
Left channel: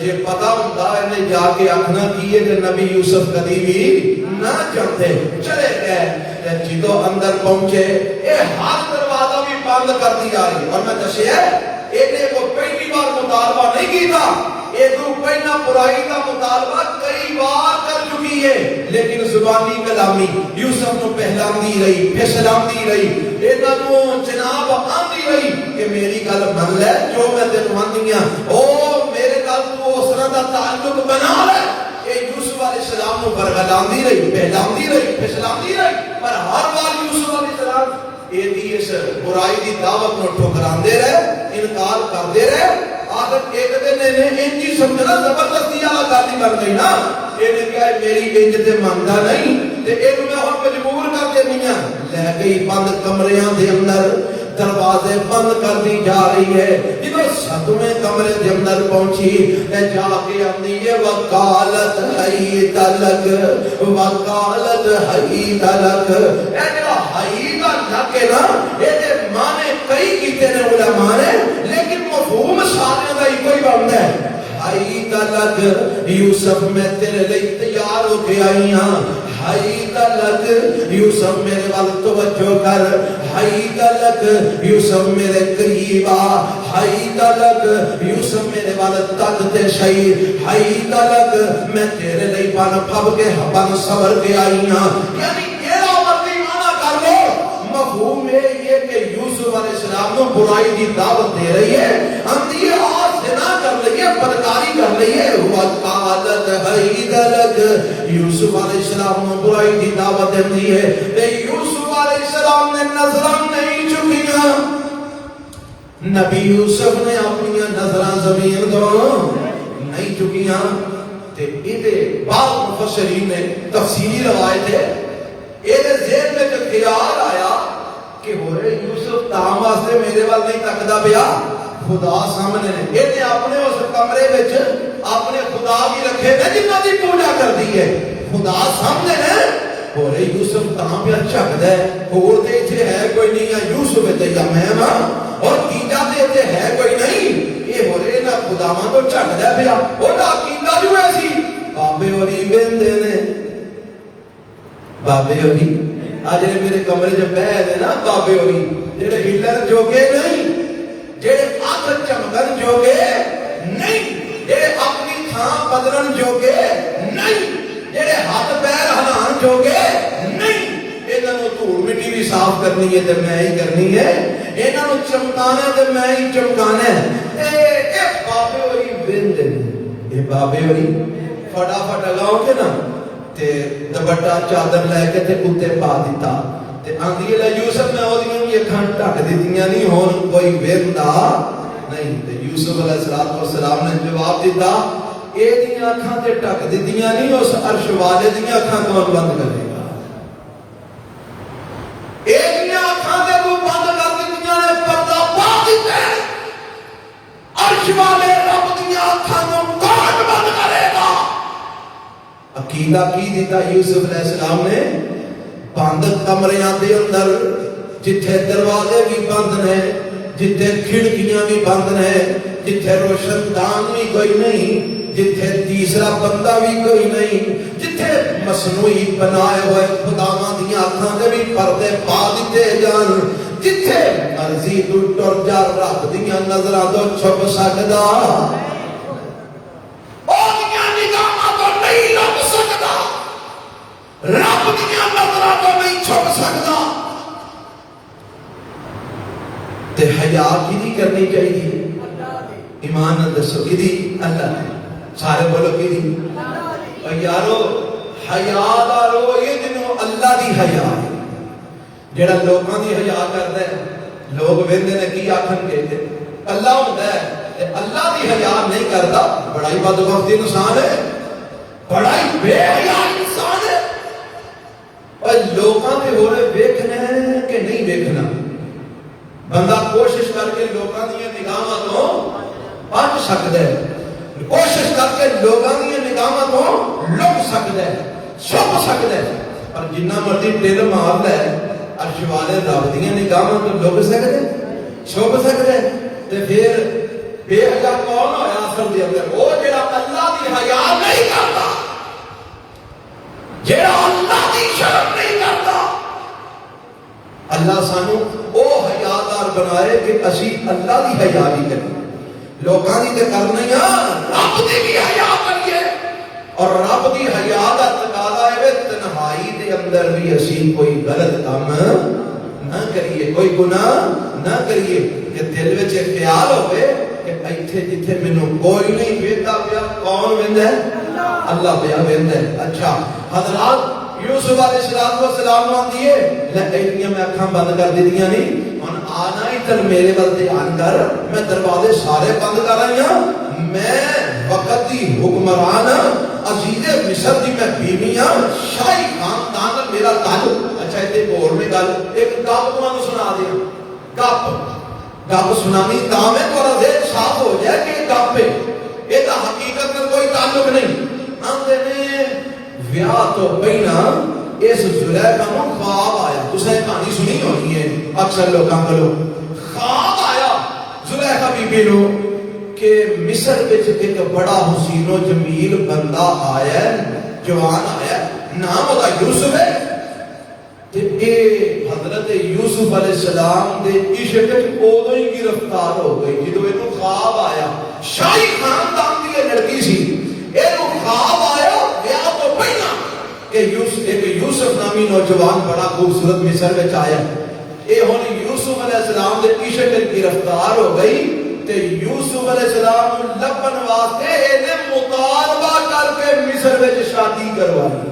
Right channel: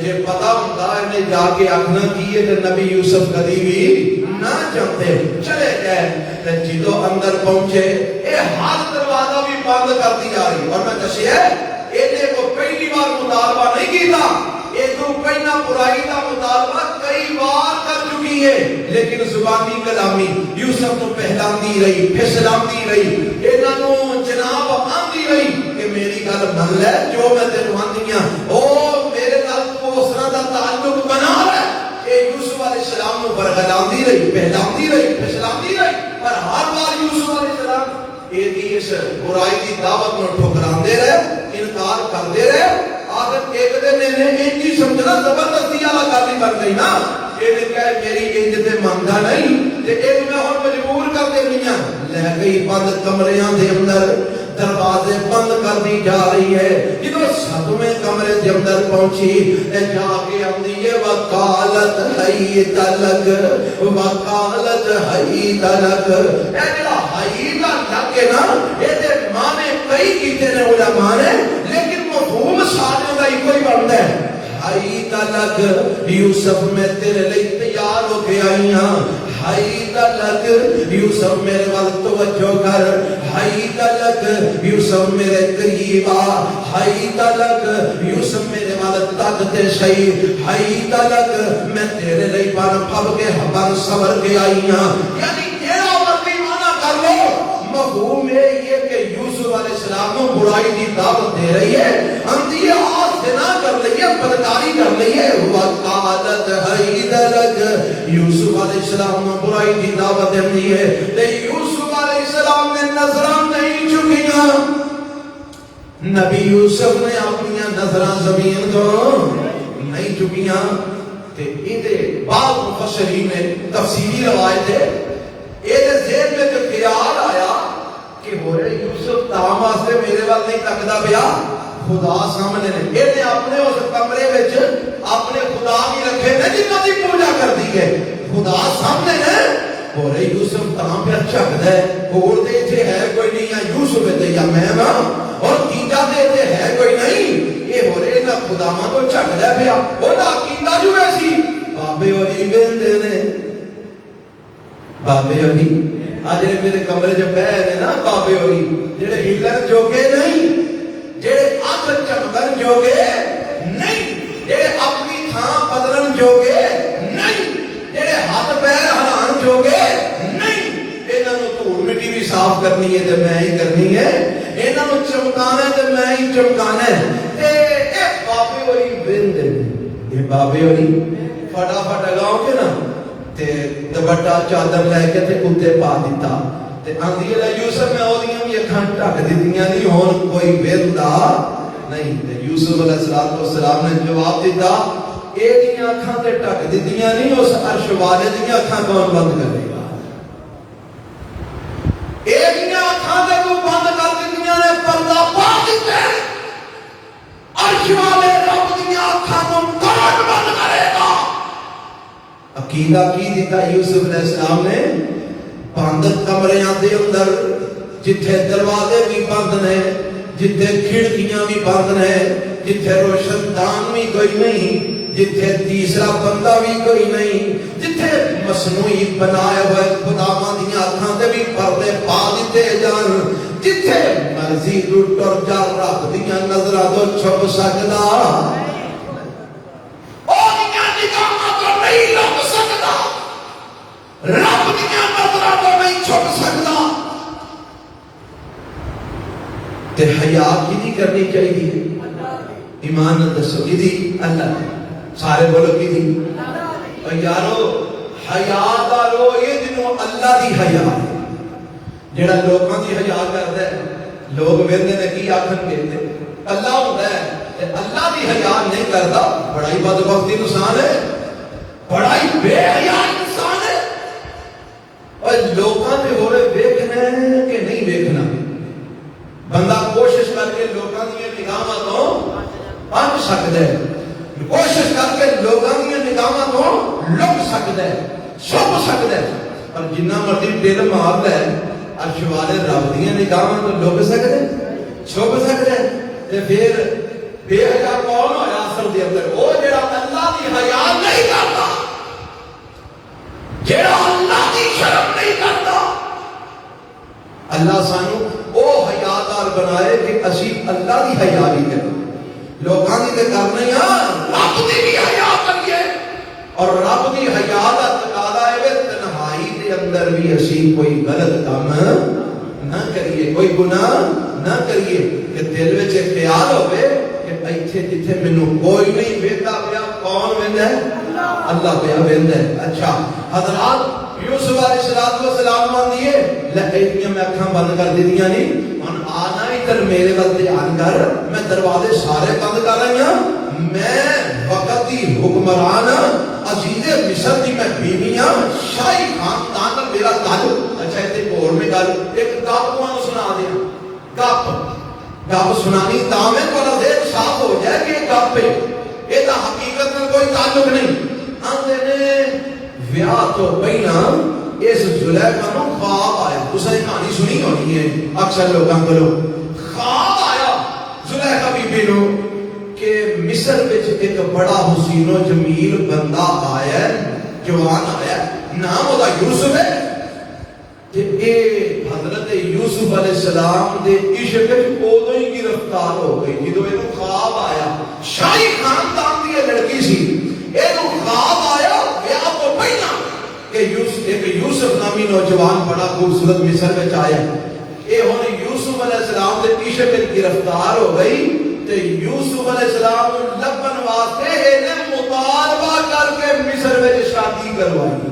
جے پتا ہوتا ہے جا کے آخنا کی ہے کہ نبی یوسف کبھی بھی نہ جانتے, چلے گئے. جدو اندر پہنچے یہ ہر دروازہ بھی بند کر دیا ہے. اور میں دسیا یہ کو پہلی بار مطالبہ نہیں کیتا, یہ تو پہلا برائی کا مطالبہ کئی بار کر چکی ہے, لیکن زبانی کلامی یوسف کو پہلاندی رہی, پھسلاندی رہی, انہوں جناب آندی رہی کہ میری گل من لے جو میں تینوں آندی ہاں, او میرے گل تو اس طرح کا تعلق بنا لے. کہ یوسف علیہ السلام کو برگلاندی رہی, پہلاندی رہی, پھسلاندی رہی, پر ہر بار یوسف علیہ السلام یہ اس برائی کی دعوت کو ٹھکراندے رہے, انکار کردے رہے. آخر ایک دن انہیں انجی سمجھنا زبردستی آزادی بن گئی نا, یہ کہا میری انج تے مانتا نہیں تے اے میں ہن مجبور کر کے میاں لے گئی بند کمریاں دے اندر, دروازے بند کر دی جا رہی ہے. جب ساتویں کمرے دے اندر پہنچی تے جا کے اندی وکالت ہئی تلک, وکالت ہئی تلک. اے جڑا ہئی دا لگ ہے نا اے دے معنی کئی کیتے نے علماء نے, لیکن مفہوم سارے دا ایک ہی بنتا ہے. ہائی تلک یوسف میں تیرے لئے تیار ہو کے آئی ہاں, ہائی تلک یوسف میرے وقت توجہ کر, ہائی تلک یوسف میرے قریب آ, ہائی تلک یوسف میرے وقت تکتے شہی, ہائی تلک میں تیرے لئے پان پب کے حبان صبر کے آئی ہاں. یعنی یہ عورت بھی مانا کر لو, مفہوم یہ کہ یوسف علیہ السلام کو برائی کی دعوت دے رہی ہے, اندھی اور زنا کر رہی ہے, بدکاری کر رہی ہے. وقالت ہئی تلک یوسف علیہ السلام کو برائی کی دعوت دی ہے. یوسف علیہ السلام نے نظراں نہیں چکیاں, نبی یوسف نے اپنی نظراں زمین تو نہیں چکیاں. تے یہ بعض مفسرین نے تفصیلی روایت ہے, یہ ذہن میں جو خیال آیا کہ ہورے یوسف تاں واسطے میرے وال نہیں تکدا پیا, خدا سامنے نے یہ اپنے اس کمرے وچ اپنے خدا کی رکھے نے جنہاں دی پوجا کرتی ہے, خدا سامنے نے. اور یوسف کہاں پہ چکدا ہے, اور تے ایتھے ہے کوئی نہیں, یا یوسف تے یا میں ہاں, اور تیجا تے ایتھے ہے کوئی نہیں. یہ ہورے نا خداواں تو چکدا پیا. اور عقیدہ جو ایسی بابے ہوری ویندے نے, بابے ہوری آج میرے کمرے جو بیٹھے نا بابے ہوری جڑے ہلر جوگے نہیں, جڑے آخر چمکن جوگے نہیں, جڑے اپنی تھاں بدلن جوگے نہیں, جڑے ہاتھ پیر ہلان جوگے نہیں. انہاں نوں دھول مٹی بھی صاف کرنی ہے تے میں ہی کرنی ہے, انہاں نوں چمکانا ہے تے میں ہی چمکانا ہے. اے بابے ہوئی وند, یہ بابے ہوئی فٹافٹ لگاؤ گے نا تے دوپٹہ چادر لے کے تے اوتے پا دیتا تے آندھی ہے یوسف میں اودیاں بھی اکھاں ڈھک دتیاں نہیں, ہن کوئی ویندا نہیں. تے یوسف علیہ السلام نے جواب دیتا, اے دیاں اکھاں تے ڈھک دتیاں نہیں, اس عرش والے دیاں اکھاں کون بند کرے گا. اے دیاں اکھاں تے تو بند کر دتیاں نے, پردہ پا دتا ہے, عرش والے رب دیاں اکھاں تو کون بند کرے گا. عقیدہ کی دیتا یوسف علیہ السلام نے, بند کمریاں دے اندر جتھے دروازے بھی بند نے, جتھے کھڑکیاں بھی بند نے, جتھے روشن دان بھی کوئی نہیں, جتھے تیسرا بندہ بھی کوئی نہیں، جتھے مصنوعی بنائے ہوئے خداواں دیاں اکھاں تے بھی پردے پا دتے جان، جتھے مرضی تو ٹر جا رب دیاں نظراں تو چھپ سکدا، رب دیاں نظراں تو نہیں چھپ سکدا۔ تے حیا کی نہیں کرنی چاہیے؟ ایمان نال دسو کیدی؟ اللہ سارے بولو کیدی؟ یارو حیا دا رو یہ جنوں اللہ دی حیا ہے، جڑا لوکاں دی حیا کردا ہے لوگ ویندے نے کی آکھن گے اللہ ہوندا ہے تے اللہ دی حیا نہیں کردا، بڑا ہی بدبخت انسان ہے، بڑا ہی بے حیا انسان ہے۔ اور لوکاں دے ہورے ویکھنا کہ نہیں ویکھنا، بندہ کوشش کر کے لوکاں دی نگاہاں تو بچ سکدا ہے، کوشش کر کے لوکاں دی نگاہاں تو لک سکدا ہے، چھپ سکدا ہے، اور جنہ مرضی دل ماردا ہے عرش والے رب دی نگاہاں تو لک سکدا ہے، چھپ سکدا ہے۔ تے پھر بے حیا کون ہویا اصل دے اندر؟ وہ جڑا اللہ دی حیا نہیں کردا، جڑا اللہ دی شرم نہیں کردا۔ اللہ سانو او حیادار بنائے کہ اسی اللہ دی حیا بھی کریں، لوکاں دی تے کرنے ہاں، رب دی بھی حیا کریے، اور رب دی حیا دا تقاضا ہے تنہائی دے اندر بھی اسی کوئی غلط کام نہ کریے، کوئی گناہ نہ کریے، کہ دل وچ خیال ہوئے کہ ایتھے جتھے مینوں کوئی نہیں ویکھدا پیا، کون ویندا ہے؟ اللہ پیا ویندا ہے۔ اچھا حضرات یوسف علیہ السلام نوں دیے لیکن میں اکھاں بند کر دیتیاں نہیں، ہن آنا ہی تے میرے ول دھیان کر، میں دروازے سارے بند کر رہی ہاں، میں وقت دی حکمران عزیز مصر دی میں بیوی ہاں، شاہی خاندان نال میرا تعلق۔ اچھا ایتھے بول نہیں گل، ایک گپ تمہوں سنا دیا، گپ سنانی تاویں والا ذہن صاف ہو جائے کہ گپ ہے، یہ تو حقیقت میں کوئی تعلق نہیں۔ آندے نے ویاہ تو پہلا اس زلیخا نوں خواب آیا، تسیں کہانی سنی ہونی ہے اکثر لوگاں کولوں، خواب آیا زلیخا بی بی نوں کہ مصر وچ ایک بڑا حسین و جمیل بندہ آیا ہے، جوان آیا ہے، نام ادا یوسف ہے، تے اے حضرت یوسف علیہ السلام دے عشق وچ اودوں ہی گرفتار ہو گئی جدوں اینوں خواب آیا۔ شاہی خاندان دی لڑکی سی، اینوں خواب آیا ویاہ تو پہلا کہ یوسف نامی نوجوان بڑا خوبصورت مصر وچ آیا، اے ہن یوسف علیہ السلام دے عشق وچ گرفتار ہو گئی، تے یوسف علیہ السلام نوں لبن واسطے اینے مطالبہ کر کے مصر وچ شادی کروائی،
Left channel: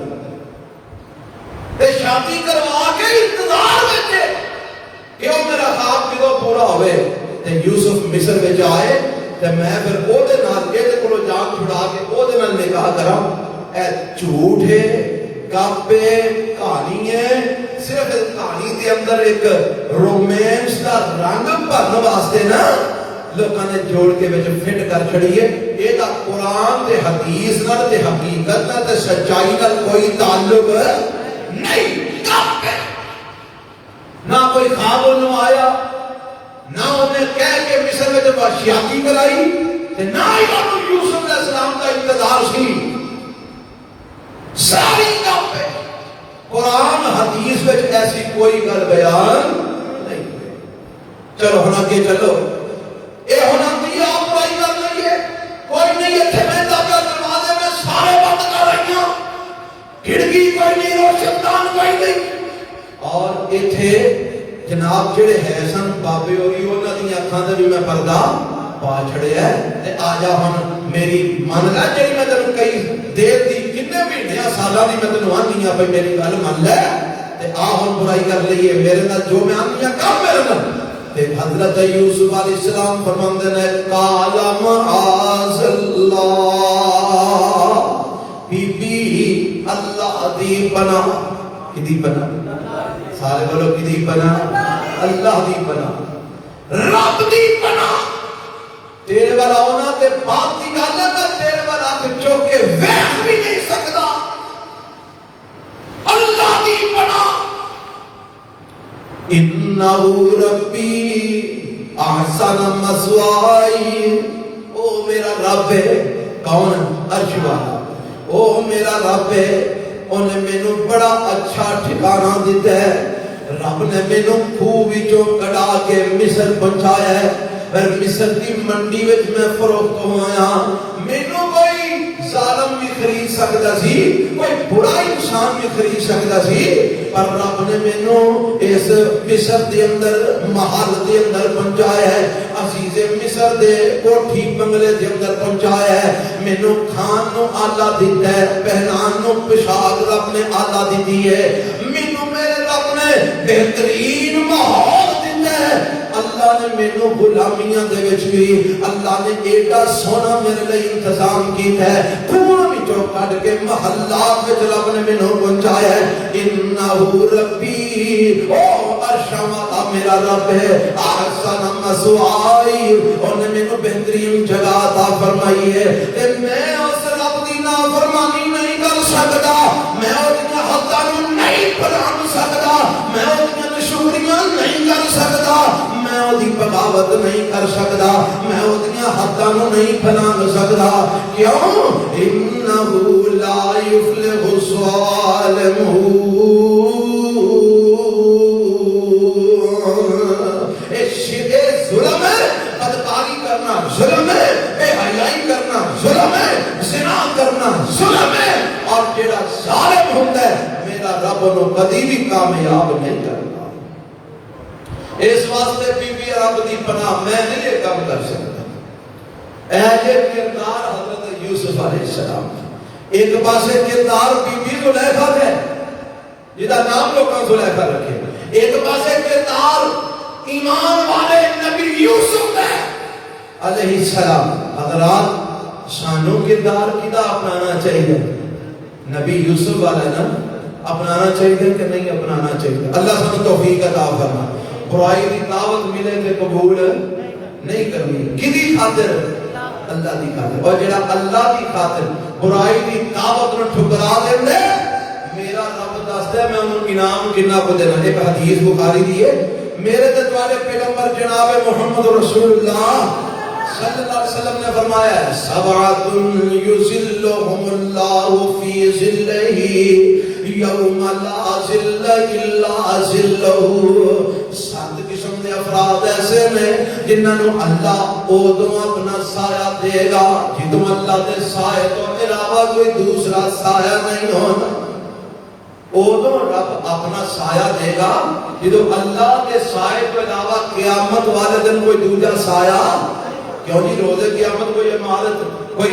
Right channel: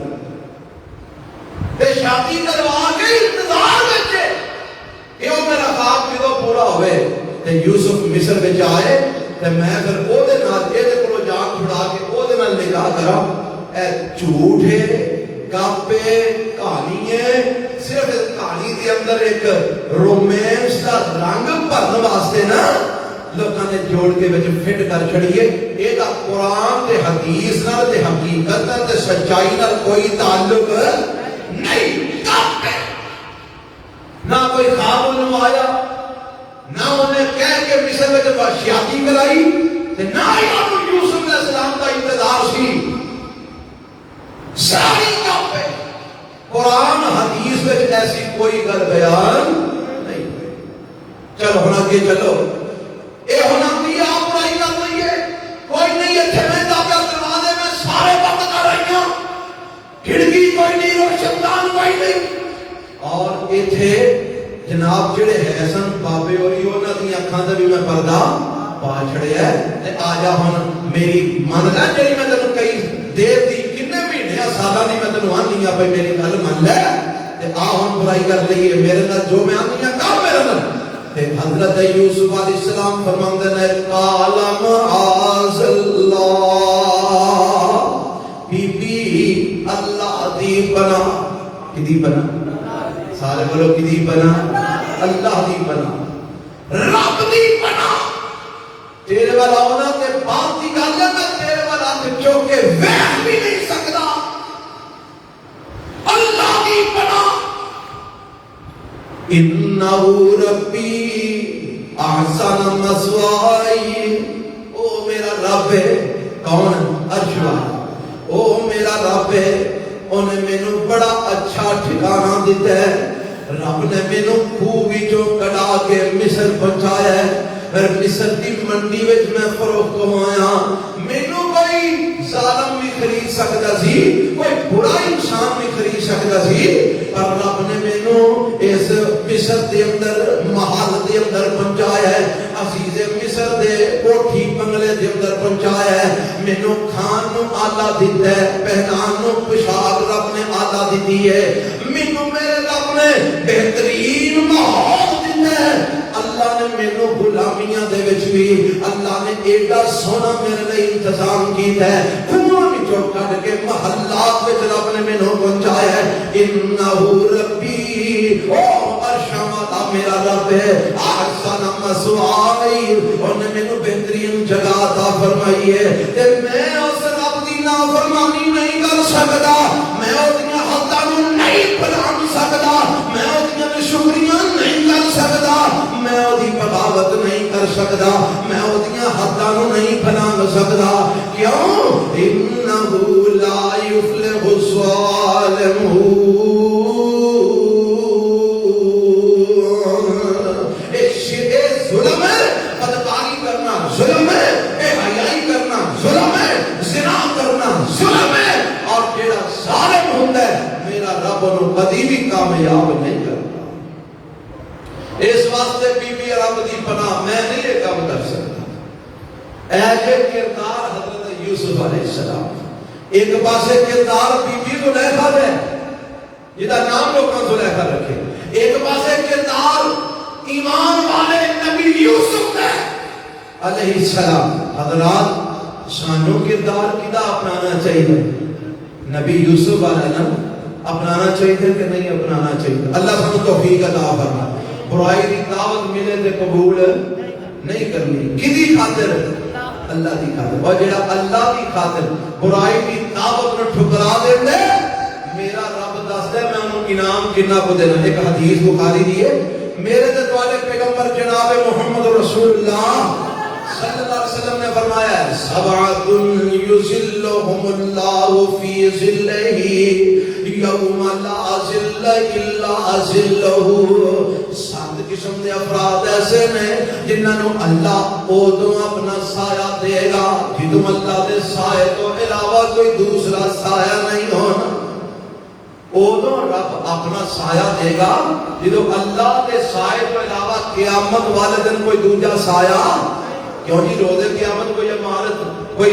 تے شادی کروا کے انتظار وچ کہ او میرا خواب کدوں پورا ہوئے۔ تے یوسف مصر وچ آئے تے میں پھر او دے نال اے دے کولوں جان چھڑا کے او دے نال نکاح کراں، اے جھوٹ ہے، گپ ہے، کہانی ہے، صرف کہانی دے اندر ایک رومانس دا رنگ بھرن واسطے نا لوکاں نے جوڑ کے وچ فٹ کر چھڑیے، اے دا قرآن تے حدیث نال تے حقیقت نال تے سچائی نال کوئی تعلق نہیں، نہ کوئی خواب انہوں آیا، نہ انہیں کہہ کے مصر میں جب شادی کرائی، نہ امام یوسف علیہ السلام کا انتظار سی، ساری کام پہ قرآن حدیث میں ایسی کوئی گل بیان نہیں ہوئی۔ چلو ہونا کہ چلو اے ہونا کہ آپ برائی کر رہی ہے، کوئی نہیں اتنے میں داخل دروازے میں سارے بند کر رہی ہوں، کھڑکی کوئی نہیں، روشن دان کوئی نہیں، اور اتنے جناب جڑے ہے سن بابے ہوئی انہوں نے اکھاں تے بھی میں پردہ پا چھڑیا ہے، تے آ جا ہن میری من لے جڑی میں تینوں کئی دیر دی کنے مہینے سالاں دی میں تینوں آندی ہاں بھئی میری گل من لے، تے آ ہن برائی کر لئیے میرے نال جو میں آندی ہاں کر میرے نال۔ تے حضرت یوسف علیہ السلام فرماندے نے قال معاذ اللہ، بی بی اللہ دی پناہ، کدی پناہ، سارے بولو کدی پناہ، اللہ دی پناہ، رب دی پناہ، تیرے والا ہونا تے باپ دی گل ہے تے تیرے والا ہاتھ چوک کے ویکھ بھی نہیں سکتا، اللہ دی پناہ۔ انہو ربی احسن مثوائی، او میرا رب ہے، کون عرش والا او میرا رب ہے انہیں مینوں بڑا اچھا ٹھکانہ دیتا ہے رب نے مینوں خوہ وچوں کڈا کے مصر پہنچایا ہے مصر دی منڈی وچ میں فروخت ہویا مینوں کوئی ظالم بھی خرید سکتا سی کوئی بڑا انسان بھی خرید سکتا سی پر رب نے مینوں اس مصر دے اندر محل دے اندر پہنچایا ہے عزیز مصر دے کوٹھی بنگلے دے اندر پہنچایا ہے مینوں کھان نو آلہ دیتا ہے پہنان نو پوشاک رب نے آلہ دیتی ہے مینوں میرے رب نے بہترین ماحول دیتا ہے اللہ نے مینوں غلامیاں دے وچ بھی اللہ نے ایڈا سونا میرے لئی انتظام کیتا ہے کنواں وچوں کڈ کے محلات وچ رب نے مینوں پہنچایا ہے انہ ربی او ارشما میرا رب ہے احسن مسوائی انہیں مینوں بہترین جگہ عطا فرمائی ہے تے میں اس رب دی نافرمانی نہیں کر سکتا میں اس دے حداں نوں نہیں بلانگ سکتا میں اس دی شکریاں نہیں کر سکتا میں اودی بغاوت نہیں کر سکتا میں اودیاں حداں نوں نہیں بلانگ سکتا کیوں انہ لا یفلح الظالمون ظلم ہے بے حیائی کرنا ظلم ہے زنا کرنا ظلم ہے اور جڑا ظالم ہوتا ہے میرا رب نو کبھی بھی کامیاب نہیں کرتا اس واسطے بی بی رب دی پناہ میں نہیں یہ کام کر سکتا اے کردار حضرت یوسف علیہ السلام ایک پاسے کردار بی بی زلیخا ہے جدا نام لوگوں زلیخا رکھے ایک پاسے کردار ایمان والے نبی یوسف ہے علیہ السلام حضرات سانو کردار کدا اپنانا چاہیے نبی یوسف والا نا اپنانا چاہیے کہ نہیں اپنانا چاہیے اللہ سانو توفیق عطا فرمائے برائی کی دعوت ملے تے قبول نہیں کرنی کدی خاطر اللہ کی خاطر اور جڑا اللہ کی خاطر برائی کی دعوت نو ٹھکرا دے میرا رب دسدا ہے میں انہوں انعام کنا کو دینا ایک حدیث بخاری دی ہے میرے تے تواڈے پیغمبر جناب محمد رسول اللہ صلی اللہ علیہ وسلم نے فرمایا ہے سبعۃ یظلھم اللہ فی ظلہ یوم لا ظل الا ظلہ سات قسم کے افراد ایسے نے جنہاں نو اللہ اودوں اپنا سایہ دے گا جدوں اللہ دے سایہ تو علاوہ کوئی دوسرا سایہ نہیں ہونا اودوں رب اپنا سایہ دے گا جدوں اللہ کے سایہ کے علاوہ قیامت والے دن کوئی دوسرا سایہ کیوں جی روزے قیامت کوئی عمارت کوئی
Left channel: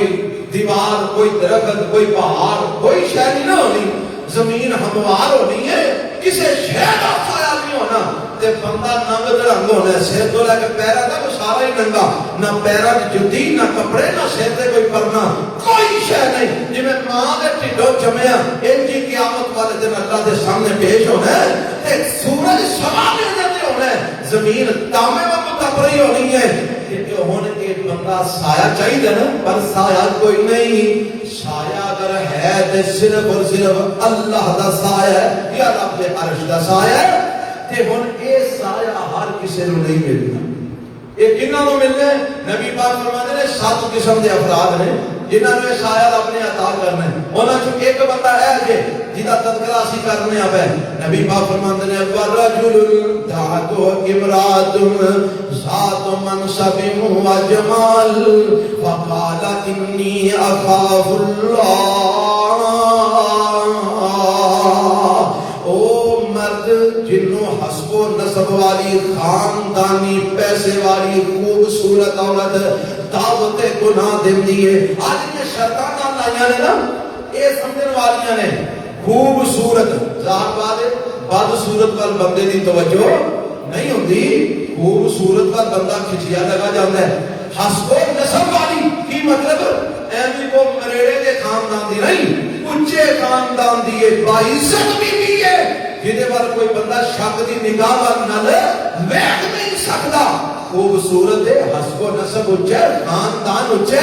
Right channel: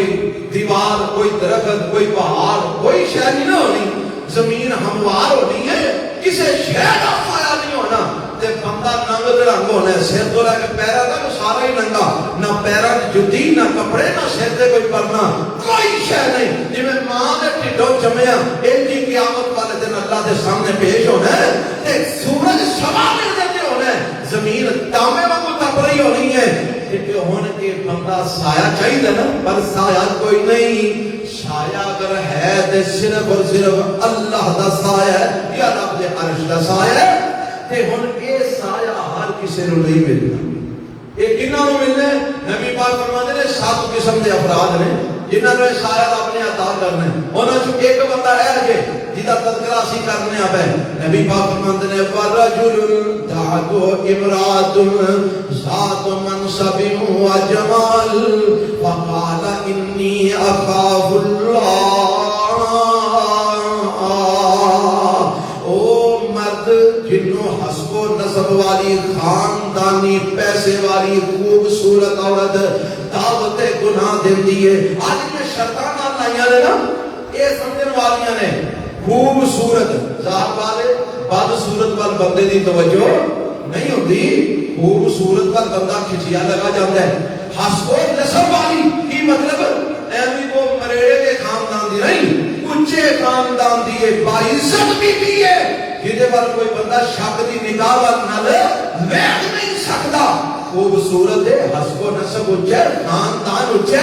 دیوار کوئی درخت کوئی پہاڑ کوئی شے نہیں ہونی زمین ہموار ہونی ہے کسی شے کا سایہ نہیں ہونا تے بندہ ننگ رنگ ہونا ہے سر تو لے کے پیروں تک سارا ہی ننگا نہ پیروں کی جُتی نہ کپڑے نہ سر تے کوئی پرنا کوئی شے نہیں جی میں ماں دے ٹھڈوں جمیا ان کی قیامت والے دن اللہ دے سامنے پیش ہونا ہے تے سورج سامنے دے ہونا ہے زمین تامے واگ تپ رہی ہونی ہے کہ ہن کے بندہ سایہ چاہیے نا پر سایہ کوئی نہیں سایہ اگر ہے تے صرف اور صرف اللہ دا سایہ ہے یا رب دے عرش دا سایہ ہے تے ہن اے سایہ ہر کسی نو نہیں ملنا اے کنہاں نو ملنا ہے نبی پاک فرماتے ہیں 7 قسم دے افراد نے جنہاں نے سایہ اپنے عطا کرنا ہے انہاں چوں ایک بندہ ہے کہ جدا تذکرہ اسی کرنے آ ہے نبی پاک فرماتے ہیں ورجل دعتو امرات ذات منصب و جمال فقال انی اخاف اللہ او مرد جنوں حسب و نسب والی خاندانی پیسے والی خوبصورت عورت دعوت گناہ دیندی ہے آج میں شیطان آئیاں نے نا اے سمجھن والیاں نے خوبصورت ذات والے بدصورت وال بندے دی توجہ نہیں ہوندی خوبصورت وال بندہ کھچیا لگا جاندا ہے حسب نسب والی کی مطلب ایویں کو مریڑے دے خاندان دی نہیں اونچے خاندان دی ہے باعزت بھی ہے جدے پر کوئی بندہ شک دی نگاہ نال ویکھ نہیں سکدا خوبصورت ہے حسب نسب اونچے خاندان اونچے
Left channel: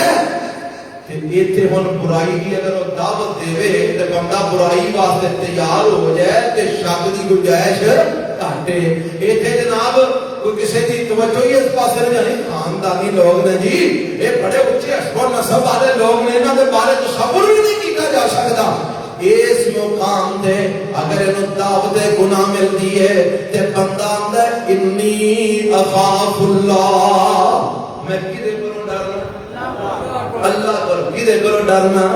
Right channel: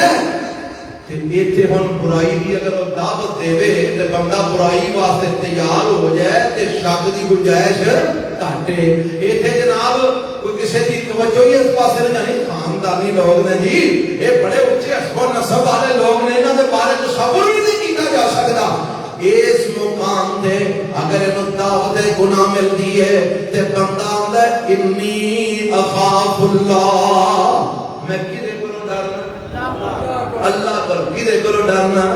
تے ایتھے ہن برائی دی اگر دعوت دے تے بندہ برائی واسطے تیار ہو جائے تے شک دی گنجائش گھٹے ایتھے جناب کوئی کسی دی توجہ ہی اس پاسے نہیں جانی خاندانی لوگ نے جی یہ بڑے اونچے حسب نسب والے لوگ نے انہاں دے بارے اس مقام تے اگر انہوں دعوت گناہ ملتی ہے تے بندہ اندر انی اخاف اللہ، میں کدے کرو ڈرنا؟ اللہ کرو، کدے کرو ڈرنا؟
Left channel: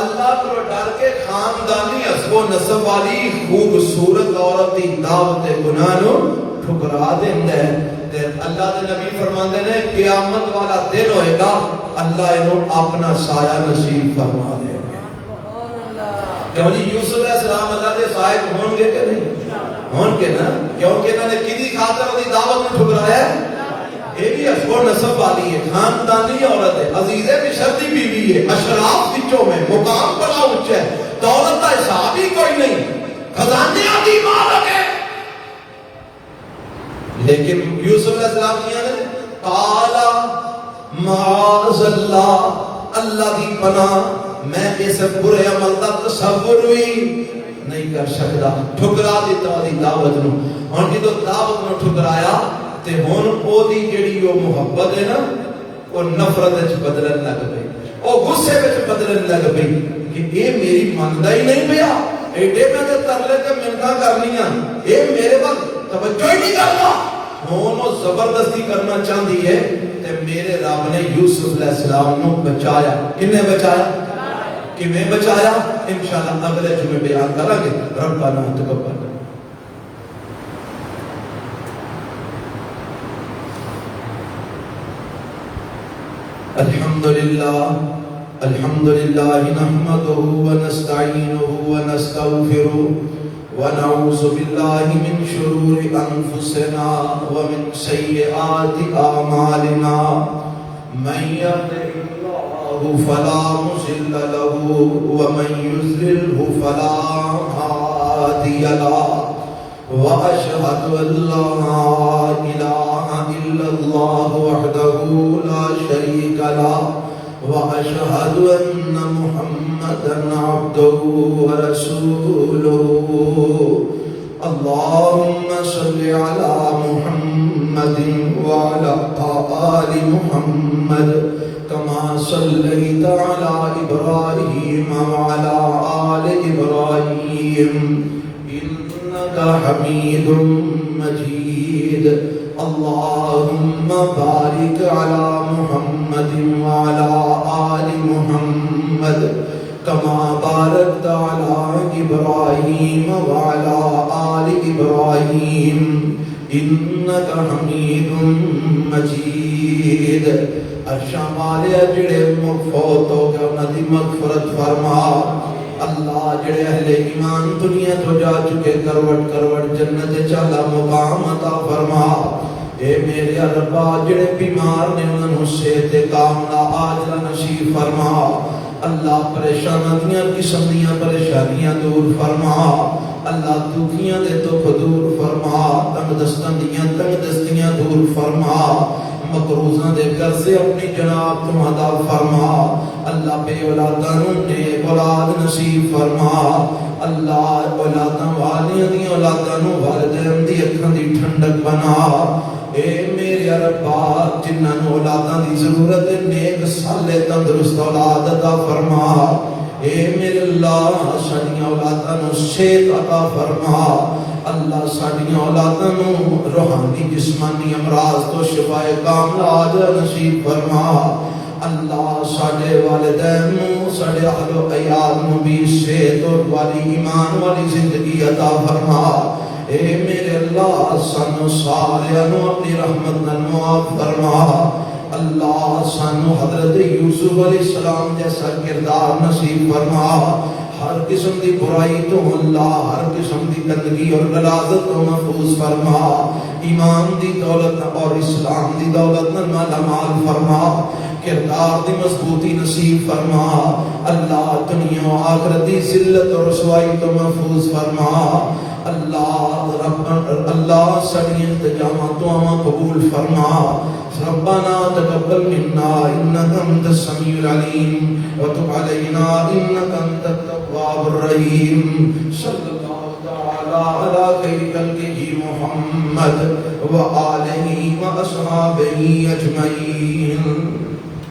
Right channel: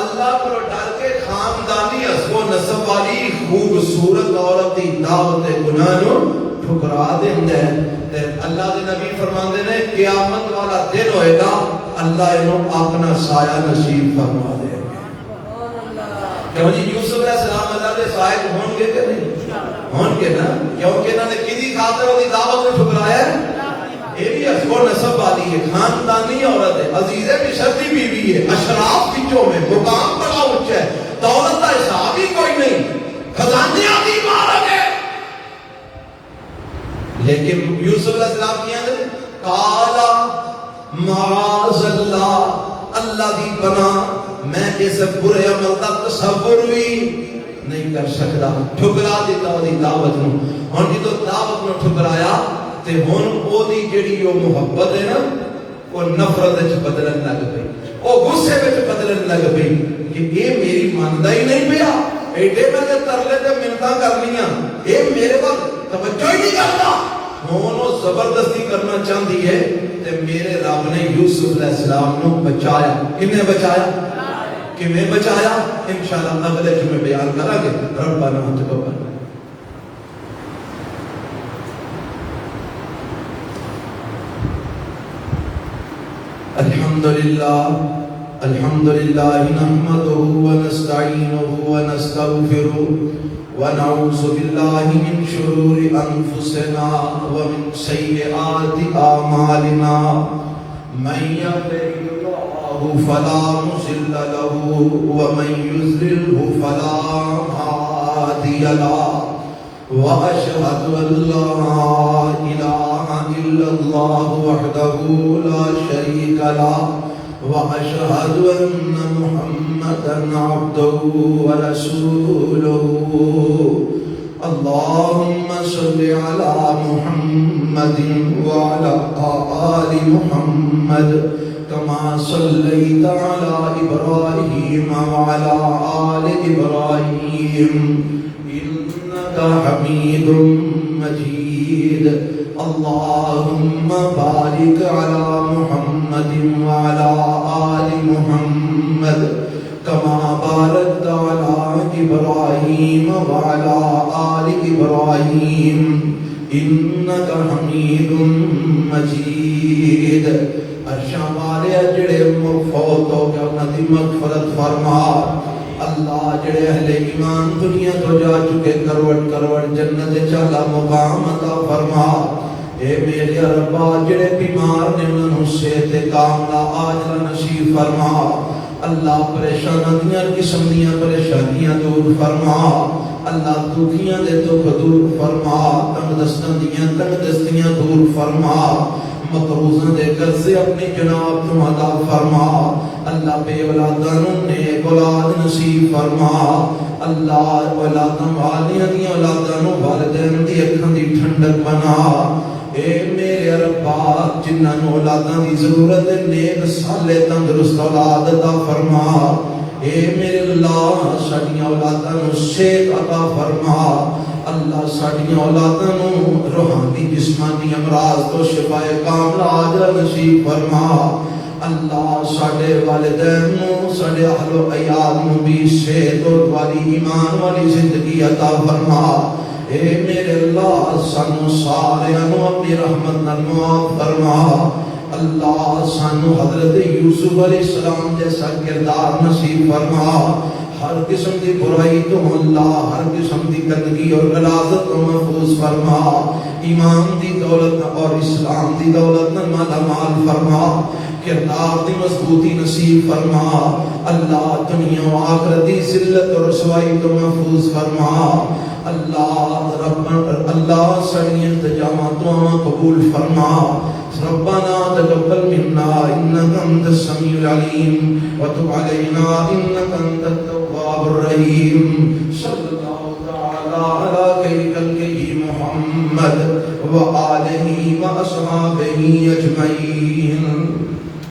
اللہ کرو ڈر کے خاندانی حسب و نسب والی خوبصورت عورت دی دعوت گناہ نو ٹھکرا دیندا ہے۔ تے اللہ کے نبی فرماندے نے قیامت والا دن ہوئے گا اللہ انہوں اپنا سایہ نصیب فرما دے گا۔ کیونکہ یوسف علیہ السلام اللہ کے صاحب ہون گے کہ نہیں؟ ہون گے نا، کیونکہ انہوں نے کدی خاطر وہ دعوت میں ٹھکرایا، یہ بھی حسب و نسب والی ہے، خاندانی عورت ہے، عزیز مصر دی بیوی ہے، اشراف بچوں میں مقام بڑا اونچا ہے، دولت کا حساب ہی کوئی نہیں، خزانیاں دی مالک ہے۔ لیکن یوسف علیہ السلام کیا نے قالا معاذ اللہ، اللہ دی پناہ میں اس برے عمل کا تصور بھی نہیں کر سکتا۔ ٹھکرا دیتا دی دعوت نو، ہن جدوں دعوت نو ٹھکرایا تے ہن او دی جڑی او محبت ہے نا وہ نفرت وچ بدلن لگ پئی، او غصے وچ بدلن لگ پئی کہ اے میری مندا ہی نہیں پیا، ایڈے میں نے ترلے تے منتاں کرنیاں، اے میرے پاس توجہ ہی نہیں کرتا، ہن وہ زبردستی کرنا چاہتی ہے۔ تے میرے رب نے یوسف علیہ السلام نو بچایا، کنے بچایا؟ کیویں بچایا؟ انشاءاللہ اگلے جمعے بیان کریں گے۔ ربنا تقبل الحمد لله نحمده ونستعينه ونستغفره ونعوذ بالله من شرور أنفسنا ومن سيئات أعمالنا، من يهده الله فلا مضل له ومن يضلل فلا هادي له، وأشهد أن لا إله إلا الله وحده لا شريك له، وأشهد أن محمدا عبده ورسوله۔ اللهم صل على محمد وعلى آل محمد كما صليت على إبراهيم وعلى آل إبراهيم إنك حميد مجيد۔ اللهم بارك على محمد وعلى آل محمد كما باركت على إبراهيم وعلى آل إبراهيم إنك حميد مجيد۔ ارشاد جڑے فوت ہو گئے انہاں دی مغفرت فرما اللہ، جڑے اہل ایمان دنیا تو جا چکے کروڑ کروڑ جنت چالا مقام عطا فرما۔ اے میرے ربا جڑے بیمار نے انہوں صحت کاملہ عاجلہ نصیب فرما اللہ، پریشانیاں قسم دیاں پریشانیاں دور فرما اللہ، دکھیاں دے دکھ دور فرما، تنگ دستاں دیاں تنگ دستیاں دور فرما، مقروضاں دے قرضے اپنی جناب تو عطا فرما اللہ، بے اولاداں نیک اولاد نصیب فرما اللہ، اولاداں والیاں دی اولاداں نو والدین دی اکھاں دی ٹھنڈک بنا۔ اے میرے ربا جنہاں نو اولاداں دی ضرورت نیک صالح تندرست اولاد عطا فرما۔ اے میرے اللہ ساڈیاں اولاداں نو صحت عطا فرما اللہ، ساڈیاں اولاداں نو روحانی جسمانی امراض تو شفا کاملہ عاجلہ نصیب فرما اللہ، ساڈے والدین نو ساڈے اہل و عیال نو بھی صحت والی ایمان والی زندگی عطا فرما۔ اے میرے اللہ سانو سارے نو اپنی رحمت نال معاف فرما اللہ، سانو حضرت یوسف علیہ السلام جیسا کردار نصیب فرما، ہر قسم دی برائی تو اللہ، ہر قسم دی گندگی اور غلاظت کو محفوظ فرما، ایمان دی دولت اور اسلام دی دولت مالا مال فرما، کردار دی مضبوطی نصیب فرما اللہ، دنیا و آخرت دی ذلت اور رسوائی کو محفوظ فرما اللہ، اللہ ساری انتظامات دعا قبول فرما۔ ربنا تقبل منا انك انت السميع العليم وتب علينا انك انت التواب الرحيم۔